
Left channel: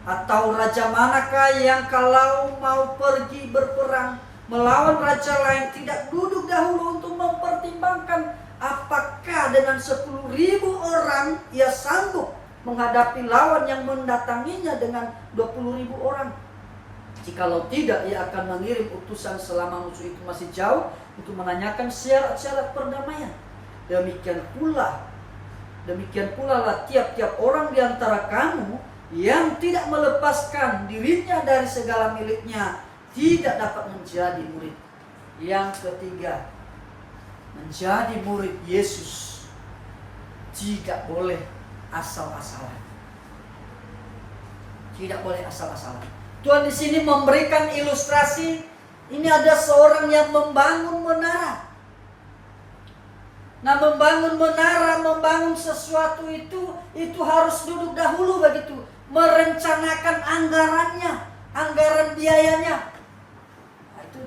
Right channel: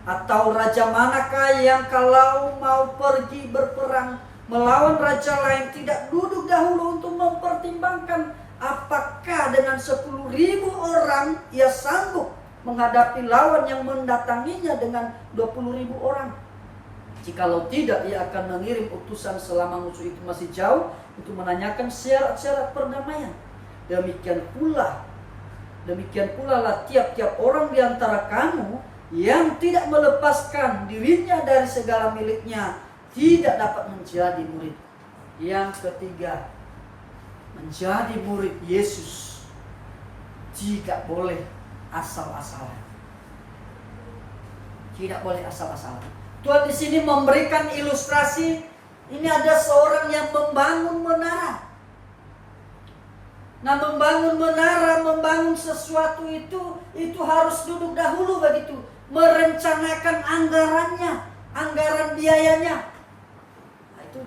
Atau raja manakah yang kalau mau pergi berperang melawan raja lain tidak duduk dahulu untuk mempertimbangkan apakah dengan 10.000 orang ia sanggup menghadapi lawan yang mendatanginya dengan 20.000 orang? Jikalau tidak, ia akan mengirim utusan selama musuh itu masih jauh untuk menanyakan syarat-syarat perdamaian. Demikian pula lah tiap-tiap orang di antara kamu yang tidak melepaskan dirinya dari segala miliknya tidak dapat menjadi murid. Yang ketiga, menjadi murid Yesus tidak boleh asal-asalan. Tidak boleh asal-asalan. Tuhan di sini memberikan ilustrasi. Ini ada seorang yang membangun menara. Nah, membangun menara, membangun sesuatu itu harus duduk dahulu begitu, merencanakan anggarannya, anggaran biayanya. Nah, itu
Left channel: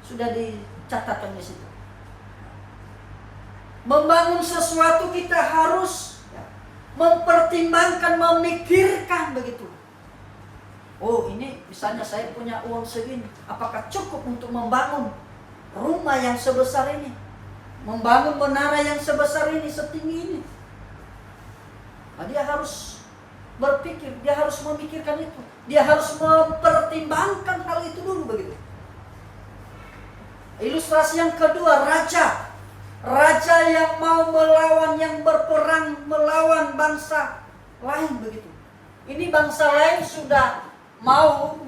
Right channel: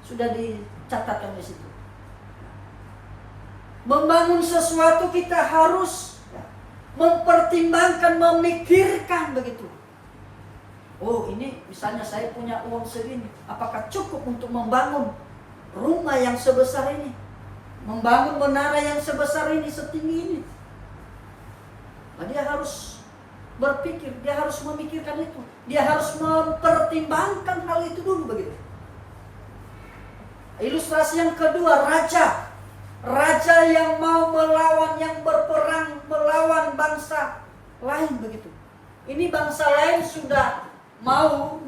sudah dicatatkan di situ. Membangun sesuatu kita harus mempertimbangkan, memikirkan begitu. Oh, ini misalnya saya punya uang segini, apakah cukup untuk membangun rumah yang sebesar ini? Membangun menara yang sebesar ini, setinggi ini. Nah, dia harus berpikir, dia harus memikirkan itu. Dia harus mempertimbangkan hal itu dulu begitu. Ilustrasi yang kedua, raja. Raja yang mau melawan, yang berperang melawan bangsa lain begitu. Ini bangsa lain sudah mau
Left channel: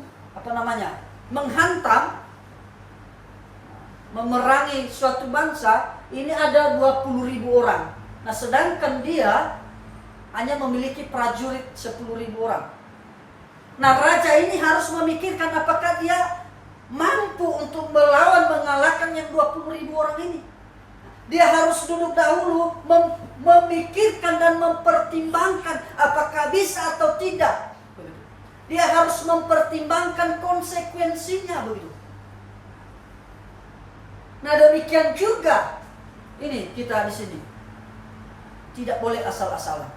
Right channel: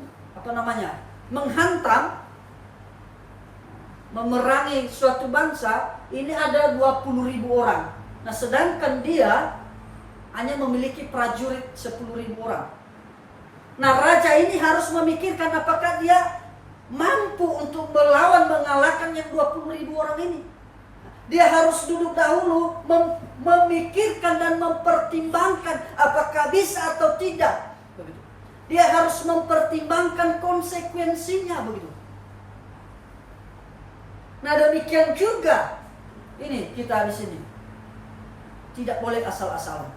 menghantam, memerangi suatu bangsa. Ini ada 20.000 orang. Nah, sedangkan dia hanya memiliki prajurit 10.000 orang. Nah, raja ini harus memikirkan apakah dia mampu untuk melawan, mengalahkan yang 20.000 orang ini. Dia harus duduk dahulu memikirkan dan mempertimbangkan apakah bisa atau tidak. Begitu. Dia harus mempertimbangkan konsekuensinya begitu. Nah, demikian juga ini kita di sini. Tidak boleh asal-asalan.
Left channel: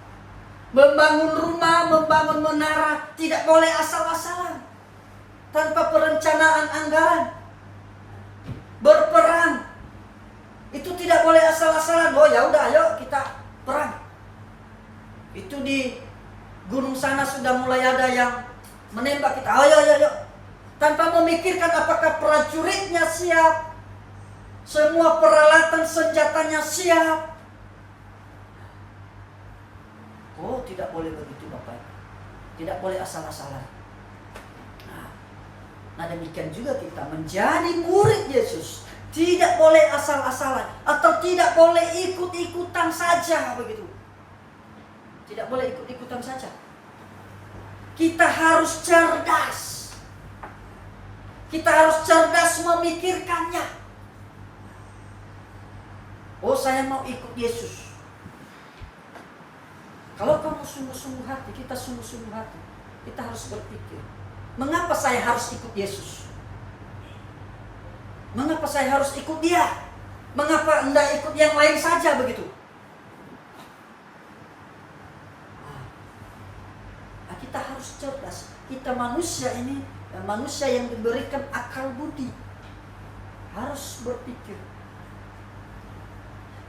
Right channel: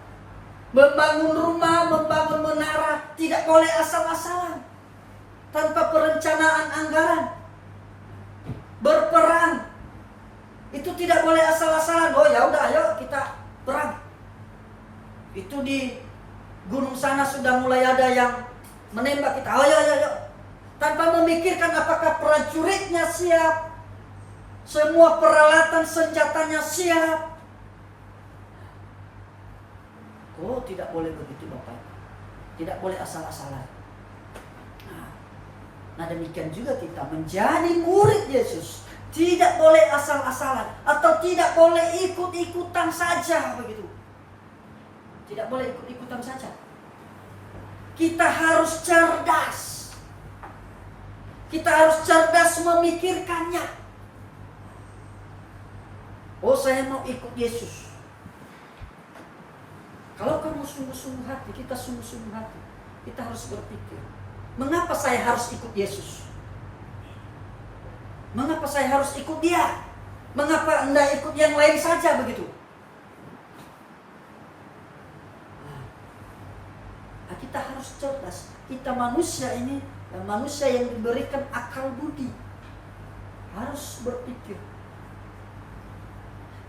Membangun rumah, membangun menara tidak boleh asal-asalan. Tanpa perencanaan anggaran. Berperang itu tidak boleh asal-asalan. Oh ya udah, ayo kita perang. Itu di gunung sana sudah mulai ada yang menembak kita. Ayo. Tanpa memikirkan apakah prajuritnya siap, semua peralatan senjatanya siap. Oh, tidak boleh begitu Bapak. Tidak boleh asal-asalan. Nah, demikian juga kita menjadi murid Yesus. Tidak boleh asal-asalan atau tidak boleh ikut-ikutan saja begitu. Tidak boleh ikut-ikutan saja. Kita harus cerdas. Kita harus cerdas memikirkannya. Oh, saya mau ikut Yesus. Kalau kamu sungguh-sungguh hati, kita sungguh-sungguh hati, kita harus berpikir, mengapa saya harus ikut Yesus? Mengapa saya harus ikut dia? Mengapa enggak ikut yang lain saja begitu? Nah, kita harus cerdas. Kita manusia ini, manusia yang diberikan akal budi, harus berpikir.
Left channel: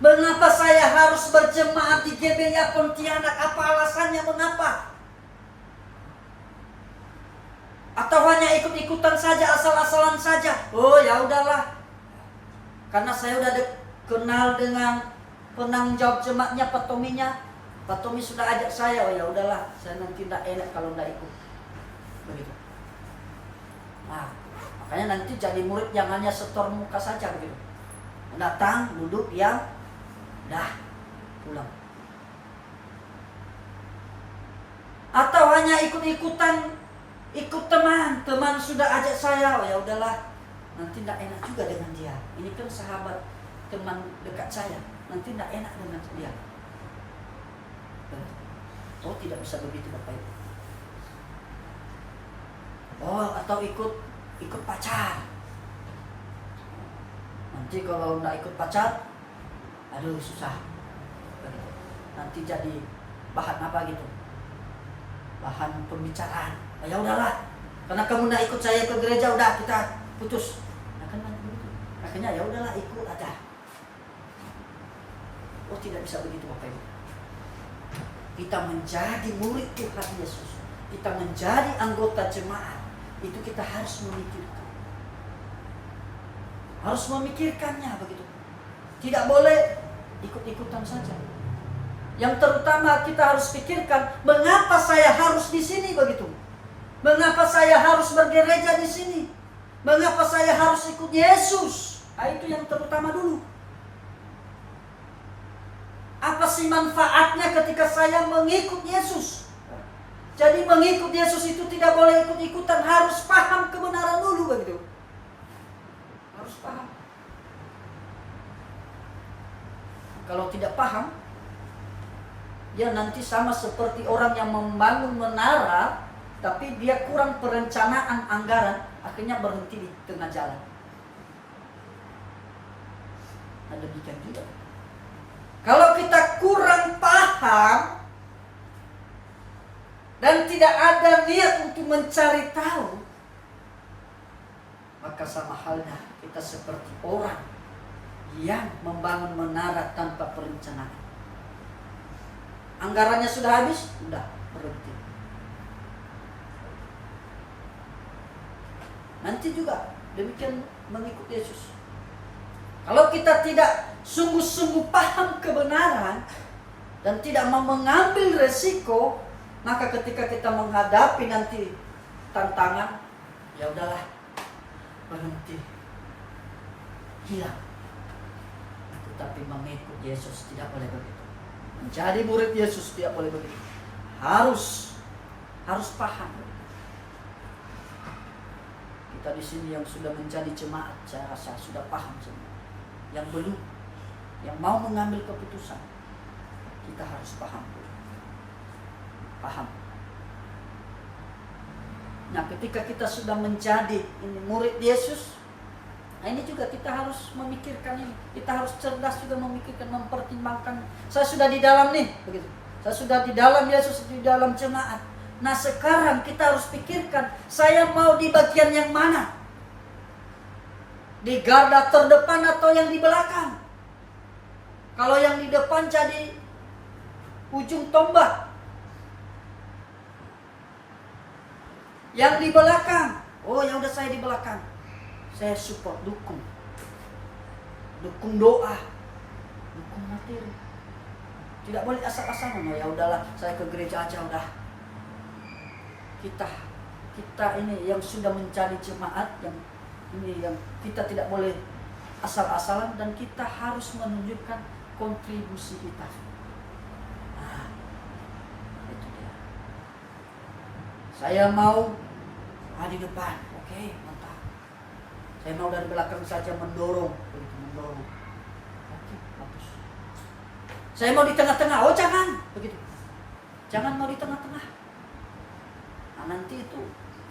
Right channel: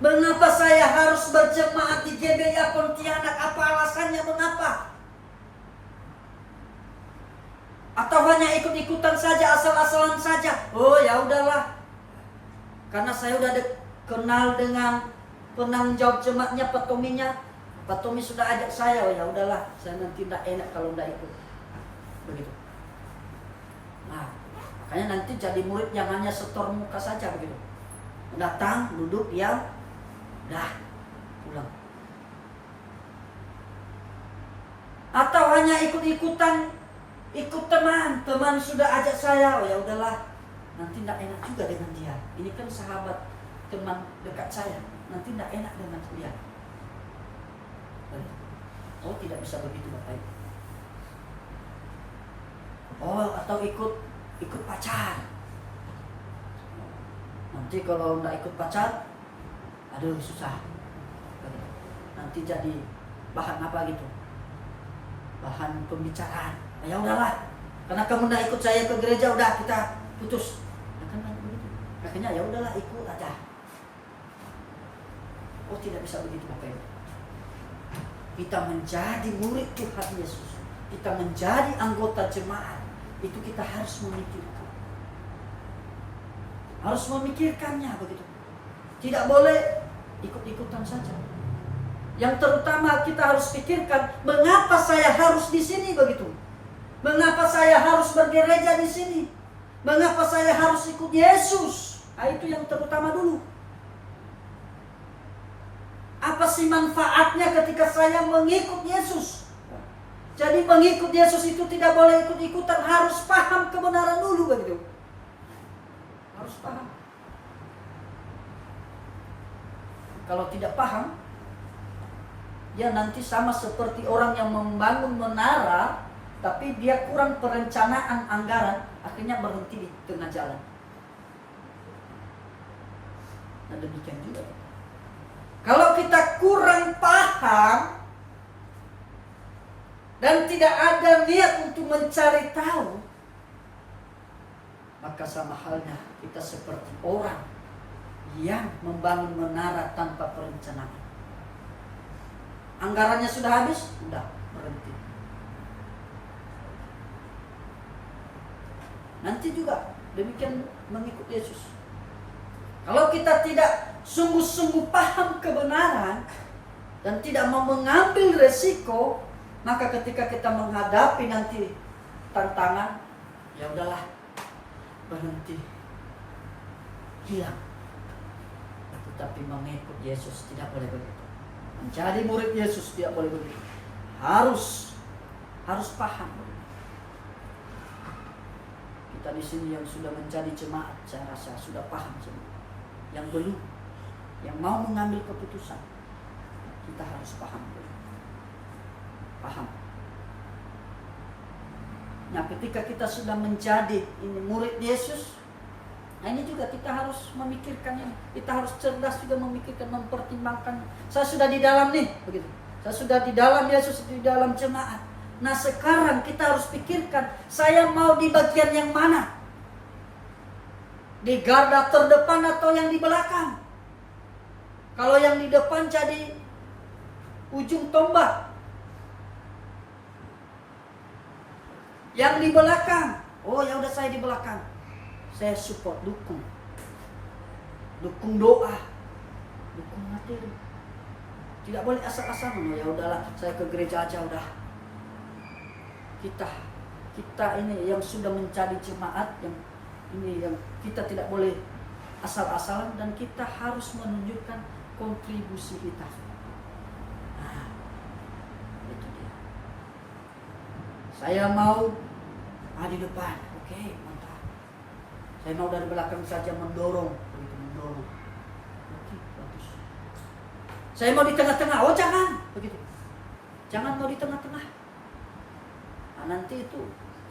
Mengapa saya harus berjemaat di GBI Pontianak? Apa alasannya? Mengapa? Atau hanya ikut-ikutan saja, asal-asalan saja? Oh ya udahlah, karena saya udah kenal dengan penanggung jawab jemaatnya, Pak Tominya. Pak Tomi sudah ajak saya. Oh ya udahlah, saya nanti tidak enak kalau tidak ikut. Begitu. Nah, makanya nanti jadi murid yang hanya setor muka saja begitu. Datang, duduk, diam, dah pulang. Atau hanya ikut-ikutan, ikut teman sudah ajak saya. Oh ya udahlah, nanti tidak enak juga dengan dia. Ini kan sahabat, teman dekat saya, nanti tidak enak dengan dia. Oh, tidak bisa begitu Bapak Ibu. Oh, atau ikut pacar. Nanti kalau tidak ikut pacar, aduh susah. Nanti jadi bahan apa gitu, bahan pembicaraan. Ya udahlah, karena kamu tidak ikut saya ke gereja, udah kita putus. Akhirnya ya udahlah, ikut aja. Oh, tidak bisa begitu Bapak Ibu. Kita menjadi murid Tuhan Yesus, kita menjadi anggota jemaat, itu kita harus memikirkan. Harus memikirkannya begitu. Tidak boleh ikut-ikutan saja. Yang terutama kita harus pikirkan, mengapa saya harus di sini begitu? Mengapa saya harus bergereja di sini? Mengapa saya harus ikut Yesus? Nah, itu yang terutama dulu. Apa sih manfaatnya ketika saya mengikut Yesus? Jadi mengikut Yesus itu tidak boleh ikut-ikutan, harus paham kebenaran dulu begitu. Harus paham. Kalau tidak paham, dia nanti sama seperti orang yang membangun menara, tapi dia kurang perencanaan anggaran, akhirnya berhenti di tengah jalan. Nah, demikian juga. Kalau kita kurang paham dan tidak ada niat untuk mencari tahu, maka sama halnya kita seperti orang yang membangun menara tanpa perencanaan. Anggarannya sudah habis, sudah berhenti. Nanti juga demikian mengikut Yesus. Kalau kita tidak sungguh-sungguh paham kebenaran dan tidak mau mengambil resiko, maka ketika kita menghadapi nanti tantangan, ya udahlah, berhenti, hilang. Tetapi mengikut Yesus tidak boleh begitu. Menjadi murid Yesus tidak boleh begitu. Harus paham. Kita di sini yang sudah menjadi jemaat, saya rasa sudah paham semua. Yang belum, yang mau mengambil keputusan, kita harus paham dulu. Paham. Nah, ketika kita sudah menjadi ini murid Yesus, nah ini juga kita harus memikirkan ini. Kita harus cerdas juga memikirkan, mempertimbangkan. Saya sudah di dalam nih, begitu. Saya sudah di dalam Yesus, di dalam jemaat. Nah, sekarang kita harus pikirkan, saya mau di bagian yang mana? Di garda terdepan atau yang di belakang? Kalau yang di depan jadi ujung tombak, yang di belakang, oh ya udah saya di belakang, saya support, dukung doa, dukung materi. Tidak boleh asal-asalan. Oh ya udahlah, saya ke gereja aja udah. Kita ini yang sudah menjadi jemaat, yang ini yang kita tidak boleh asal-asalan, dan kita harus menunjukkan kontribusi kita. Nah, itu dia. Saya mau di depan, oke, mantap. Saya mau dari belakang saja mendorong, begitu mendorong. Oke, bagus. Saya mau di tengah-tengah, oh jangan, begitu. Jangan mau di tengah-tengah. Nah, nanti itu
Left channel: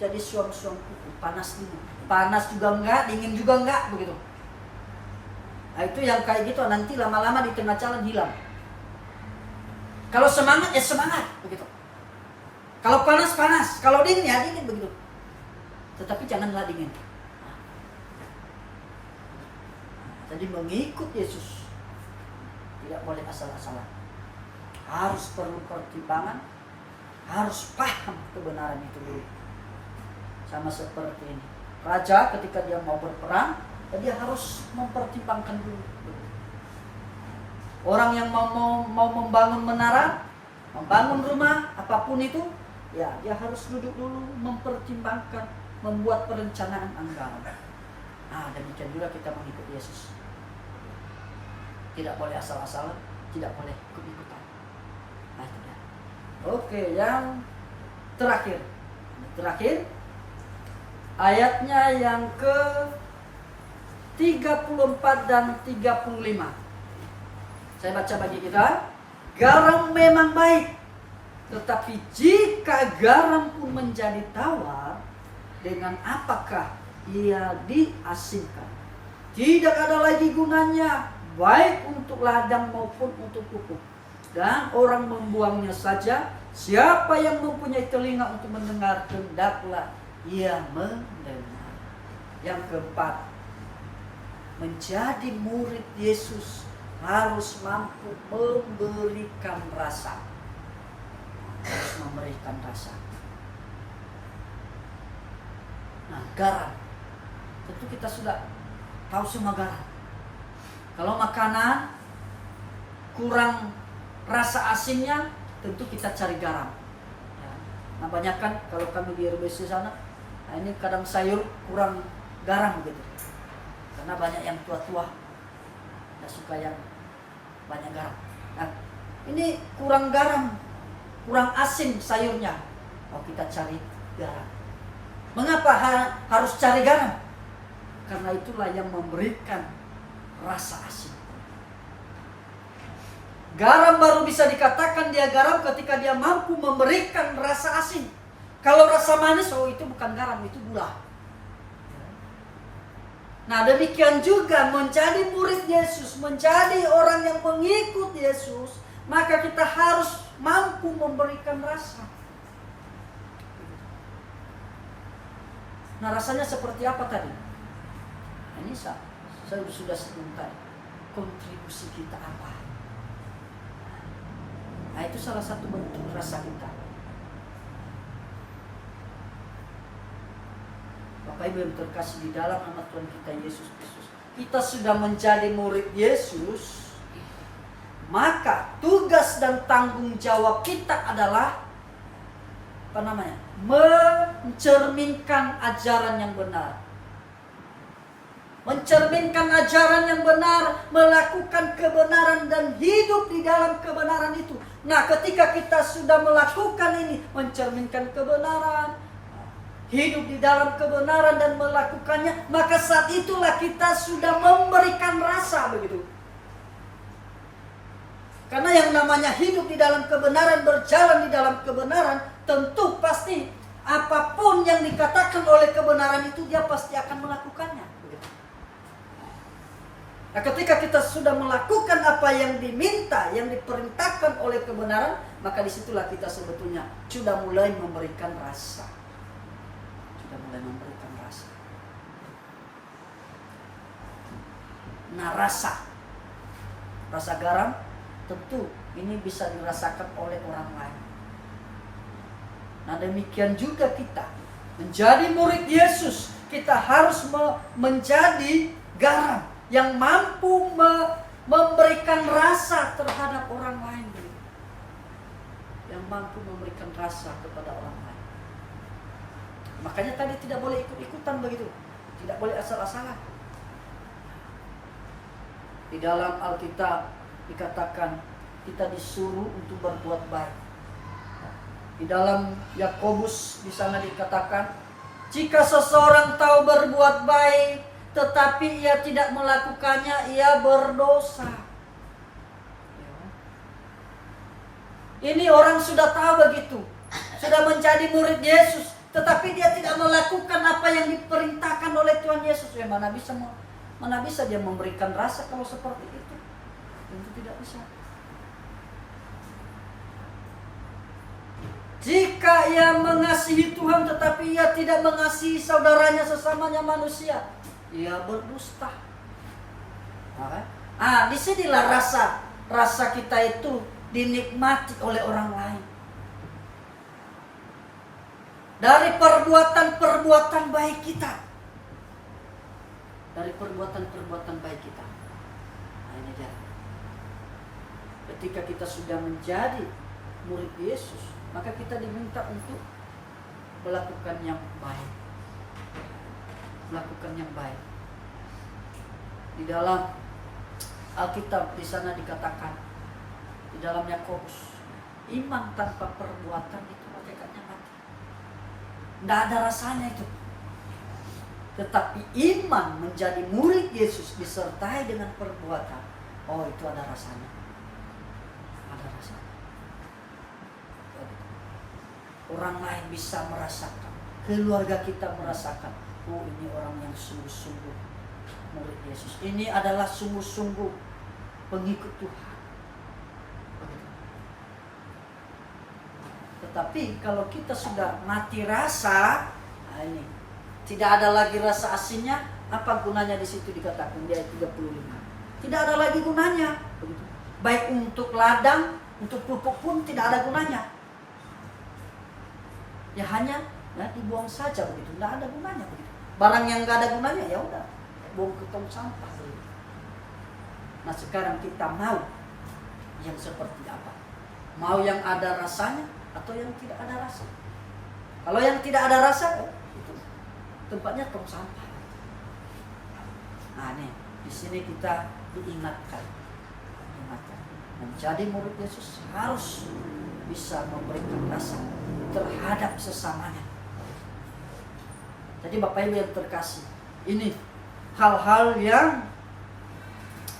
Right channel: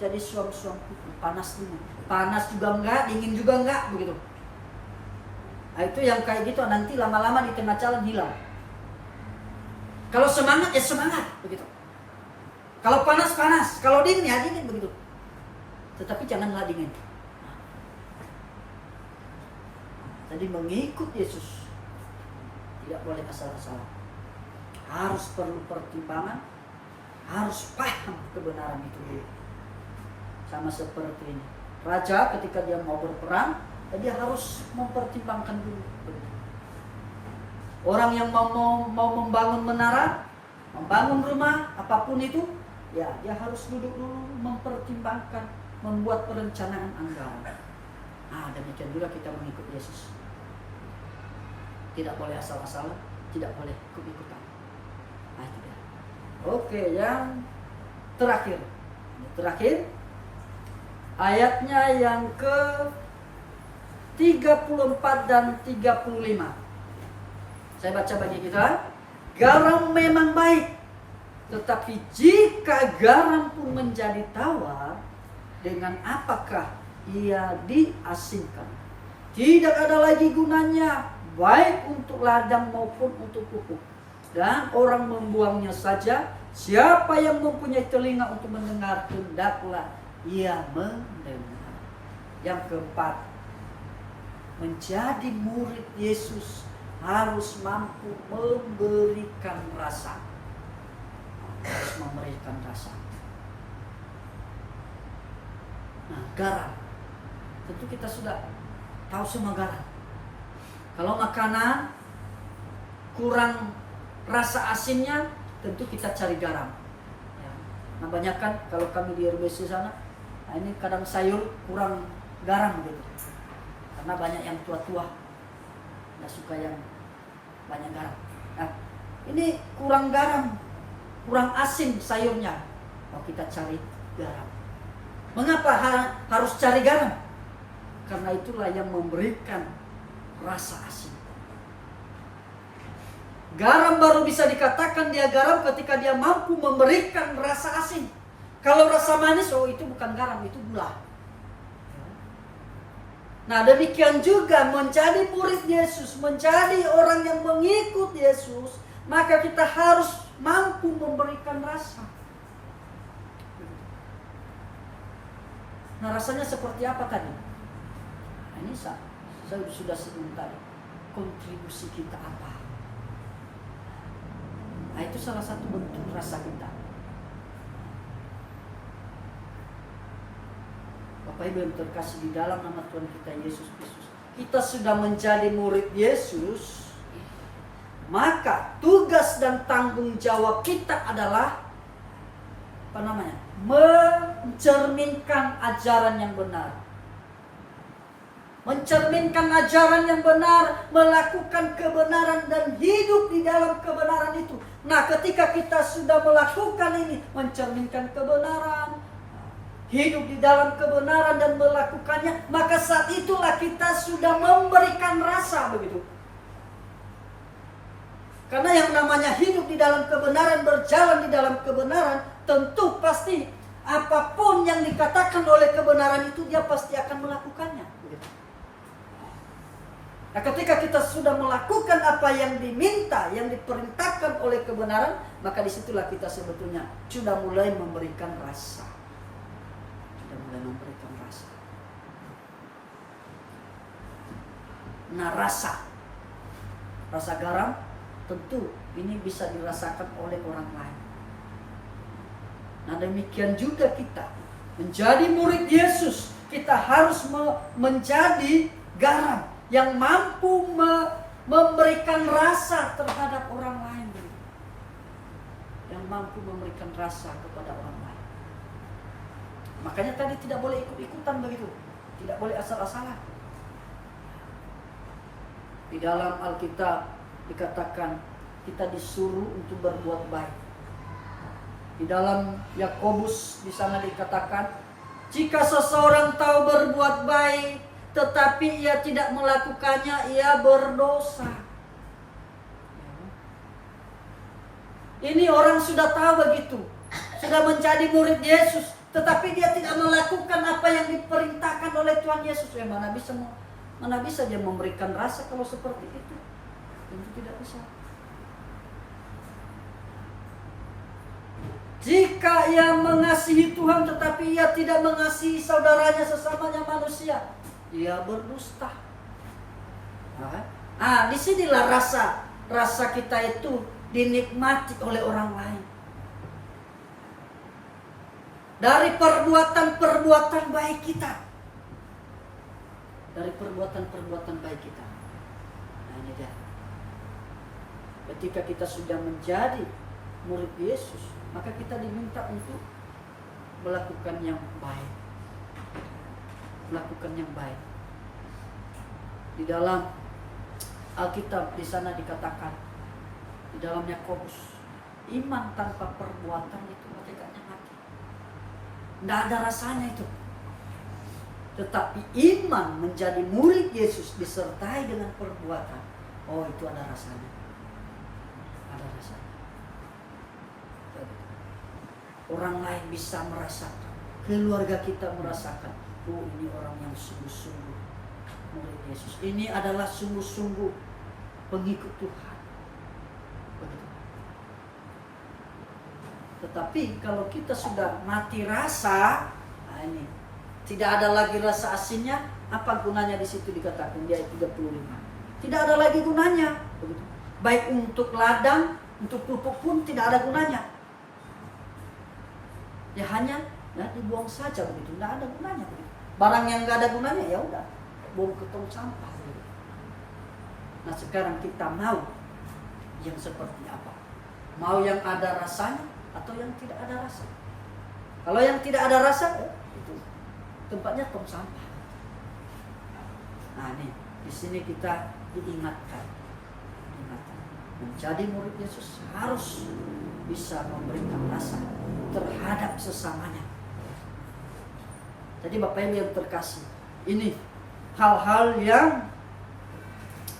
jadi suam-suam panas dulu. Panas juga enggak, dingin juga enggak, begitu. Nah, itu yang kayak gitu nanti lama-lama di tengah jalan hilang. Kalau semangat ya semangat, begitu. Kalau panas, kalau dingin ya dingin, begitu. Tetapi janganlah dingin. Nah, jadi mengikut Yesus tidak boleh asal-asalan. Harus perlu pertimbangan, harus paham kebenaran itu dulu. Sama seperti ini. Raja ketika dia mau berperang, dia harus mempertimbangkan dulu. Orang yang mau membangun menara, membangun rumah, apapun itu, ya dia harus duduk dulu, mempertimbangkan, membuat perencanaan anggaran. Nah, demikian juga kita mengikut Yesus. Tidak boleh asal-asalan, tidak boleh ikut-ikutan. Nah, itu dia. Oke, yang terakhir. Ayatnya yang ke 34 dan 35. Saya baca bagi kita. Garam memang baik, tetapi jika garam pun menjadi tawar, dengan apakah ia diasingkan? Tidak ada lagi gunanya, baik untuk ladang maupun untuk pupuk. Dan orang membuangnya saja. Siapa yang mempunyai telinga untuk mendengar, hendaklah ia mendengar. Yang keempat, menjadi murid Yesus harus mampu memberikan rasa. Harus memberikan rasa. Nah, garam. Tentu kita sudah tahu semua garam. Kalau makanan kurang rasa asinnya, tentu kita cari garam. Ya. Nah, banyak kan kalau kami di RBC sana, nah ini kadang sayur kurang garam gitu. Karena banyak yang tua-tua, nggak suka yang banyak garam. Nah, ini kurang garam, kurang asin sayurnya. Oh, kita cari garam. Mengapa harus cari garam? Karena itulah yang memberikan rasa asin. Garam baru bisa dikatakan dia garam ketika dia mampu memberikan rasa asin. Kalau rasa manis, oh itu bukan garam, itu gula. Nah demikian juga menjadi murid Yesus, menjadi orang yang mengikut Yesus, maka kita harus mampu memberikan rasa. Nah rasanya seperti apa tadi? Nah, ini saya sudah sebut tadi. Kontribusi kita apa? Nah itu salah satu bentuk rasa kita. Bapak Ibu yang terkasih di dalam nama Tuhan kita Yesus Kristus, kita sudah menjadi murid Yesus, maka tugas dan tanggung jawab kita adalah mencerminkan ajaran yang benar. Mencerminkan ajaran yang benar, melakukan kebenaran dan hidup di dalam kebenaran itu. Nah, ketika kita sudah melakukan ini, mencerminkan kebenaran, hidup di dalam kebenaran dan melakukannya, maka saat itulah kita sudah memberikan rasa, begitu. Karena yang namanya hidup di dalam kebenaran, berjalan di dalam kebenaran, tentu pasti apapun yang dikatakan oleh kebenaran itu dia pasti akan melakukannya. Nah, ketika kita sudah melakukan apa yang diminta, yang diperintahkan oleh kebenaran, maka disitulah kita sebetulnya sudah mulai memberikan rasa. Sudah mulai memberikan rasa. Nah, rasa garam tentu ini bisa dirasakan oleh orang lain. Nah, demikian juga kita menjadi murid Yesus, kita harus menjadi garam yang mampu memberikan rasa terhadap orang lain. Yang mampu memberikan rasa kepada orang lain. Makanya tadi tidak boleh ikut-ikutan begitu. Tidak boleh asal-asalan. Di dalam Alkitab dikatakan kita disuruh untuk berbuat baik. Di dalam Yakobus di sana dikatakan, jika seseorang tahu berbuat baik tetapi ia tidak melakukannya, ia berdosa. Ini orang sudah tahu begitu, sudah menjadi murid Yesus, tetapi dia tidak melakukan apa yang diperintahkan oleh Tuhan Yesus. Mana bisa dia memberikan rasa kalau seperti itu? Tentu tidak bisa. Jika ia mengasihi Tuhan tetapi ia tidak mengasihi saudaranya sesamanya manusia, ia berdusta. Disinilah rasa kita itu dinikmati oleh orang lain. Dari perbuatan-perbuatan baik kita. Dari perbuatan-perbuatan baik kita. Nah ini dia. Ketika kita sudah menjadi murid Yesus, maka kita diminta untuk melakukan yang baik. Melakukan yang baik. Di dalam Alkitab di sana dikatakan, di dalam Yakobus, iman tanpa perbuatan itu hakikatnya mati. Tidak ada rasanya itu. Tetapi iman menjadi murid Yesus disertai dengan perbuatan, oh itu ada rasanya. Ada rasanya. Orang lain bisa merasakan, keluarga kita merasakan, oh ini orang yang sungguh-sungguh murid Yesus. Ini adalah sungguh-sungguh pengikut Tuhan. Begitu. Tetapi kalau kita sudah mati rasa, nah ini tidak ada lagi rasa asinnya, apa gunanya di situ dikatakan di ayat 35. Tidak ada lagi gunanya. Begitu. Baik untuk ladang, untuk pupuk pun tidak ada gunanya. Ya hanya dibuang saja begitu, tidak ada gunanya begitu. Barang yang nggak ada gunanya ya udah buang ke tong sampah begitu. Nah sekarang kita mau yang seperti apa? Mau yang ada rasanya atau yang tidak ada rasa? Kalau yang tidak ada rasa, itu tempatnya tong sampah. Nah nih di sini kita diingatkan, menjadi murid Yesus harus bisa memberikan rasa terhadap sesamanya. Jadi Bapak Ibu yang terkasih, ini hal-hal yang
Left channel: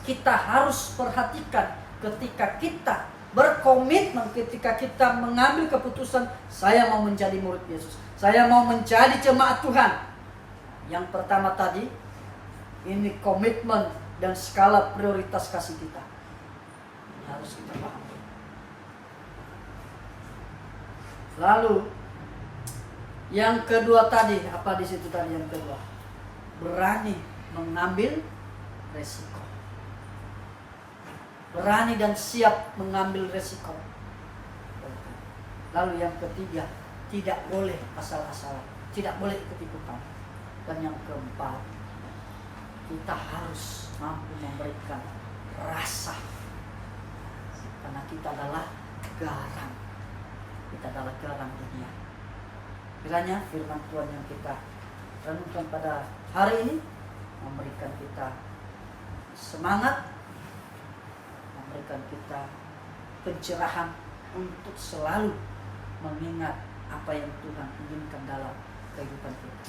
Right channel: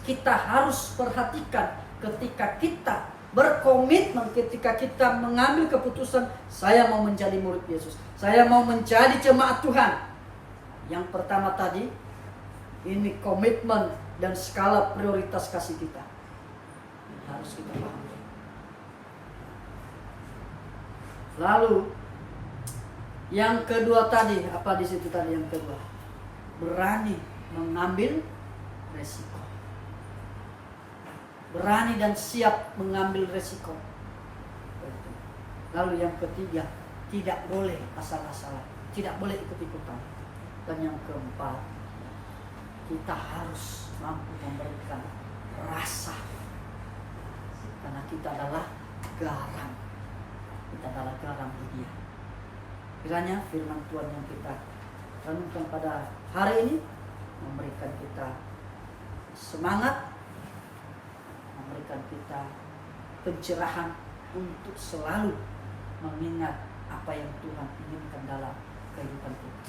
kita harus perhatikan ketika kita berkomitmen, ketika kita mengambil keputusan, saya mau menjadi murid Yesus, saya mau menjadi jemaat Tuhan. Yang pertama tadi, ini komitmen dan skala prioritas kasih kita. Ini harus kita paham. Lalu yang kedua tadi, apa di situ tadi yang kedua? Berani mengambil resiko. Berani dan siap mengambil resiko. Lalu yang ketiga, tidak boleh asal-asalan, tidak boleh ikut-ikutan. Dan yang keempat, kita harus mampu memberikan rasa. Karena kita adalah garam. Kita adalah garam dunia. Kiranya firman Tuhan yang kita renungkan pada hari ini memberikan kita semangat, memberikan kita pencerahan untuk selalu mengingat apa yang Tuhan inginkan dalam kehidupan kita.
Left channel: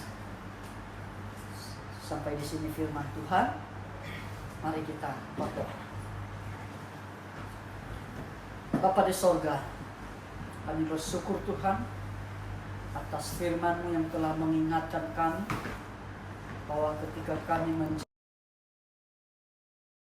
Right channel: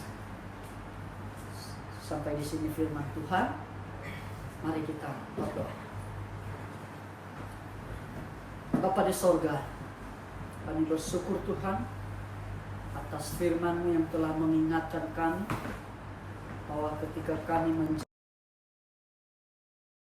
Sampai di sini firman Tuhan. Mari kita berdoa. Bapa di sorga, kami bersyukur Tuhan atas firman-Mu yang telah mengingatkan kami bahwa ketika kami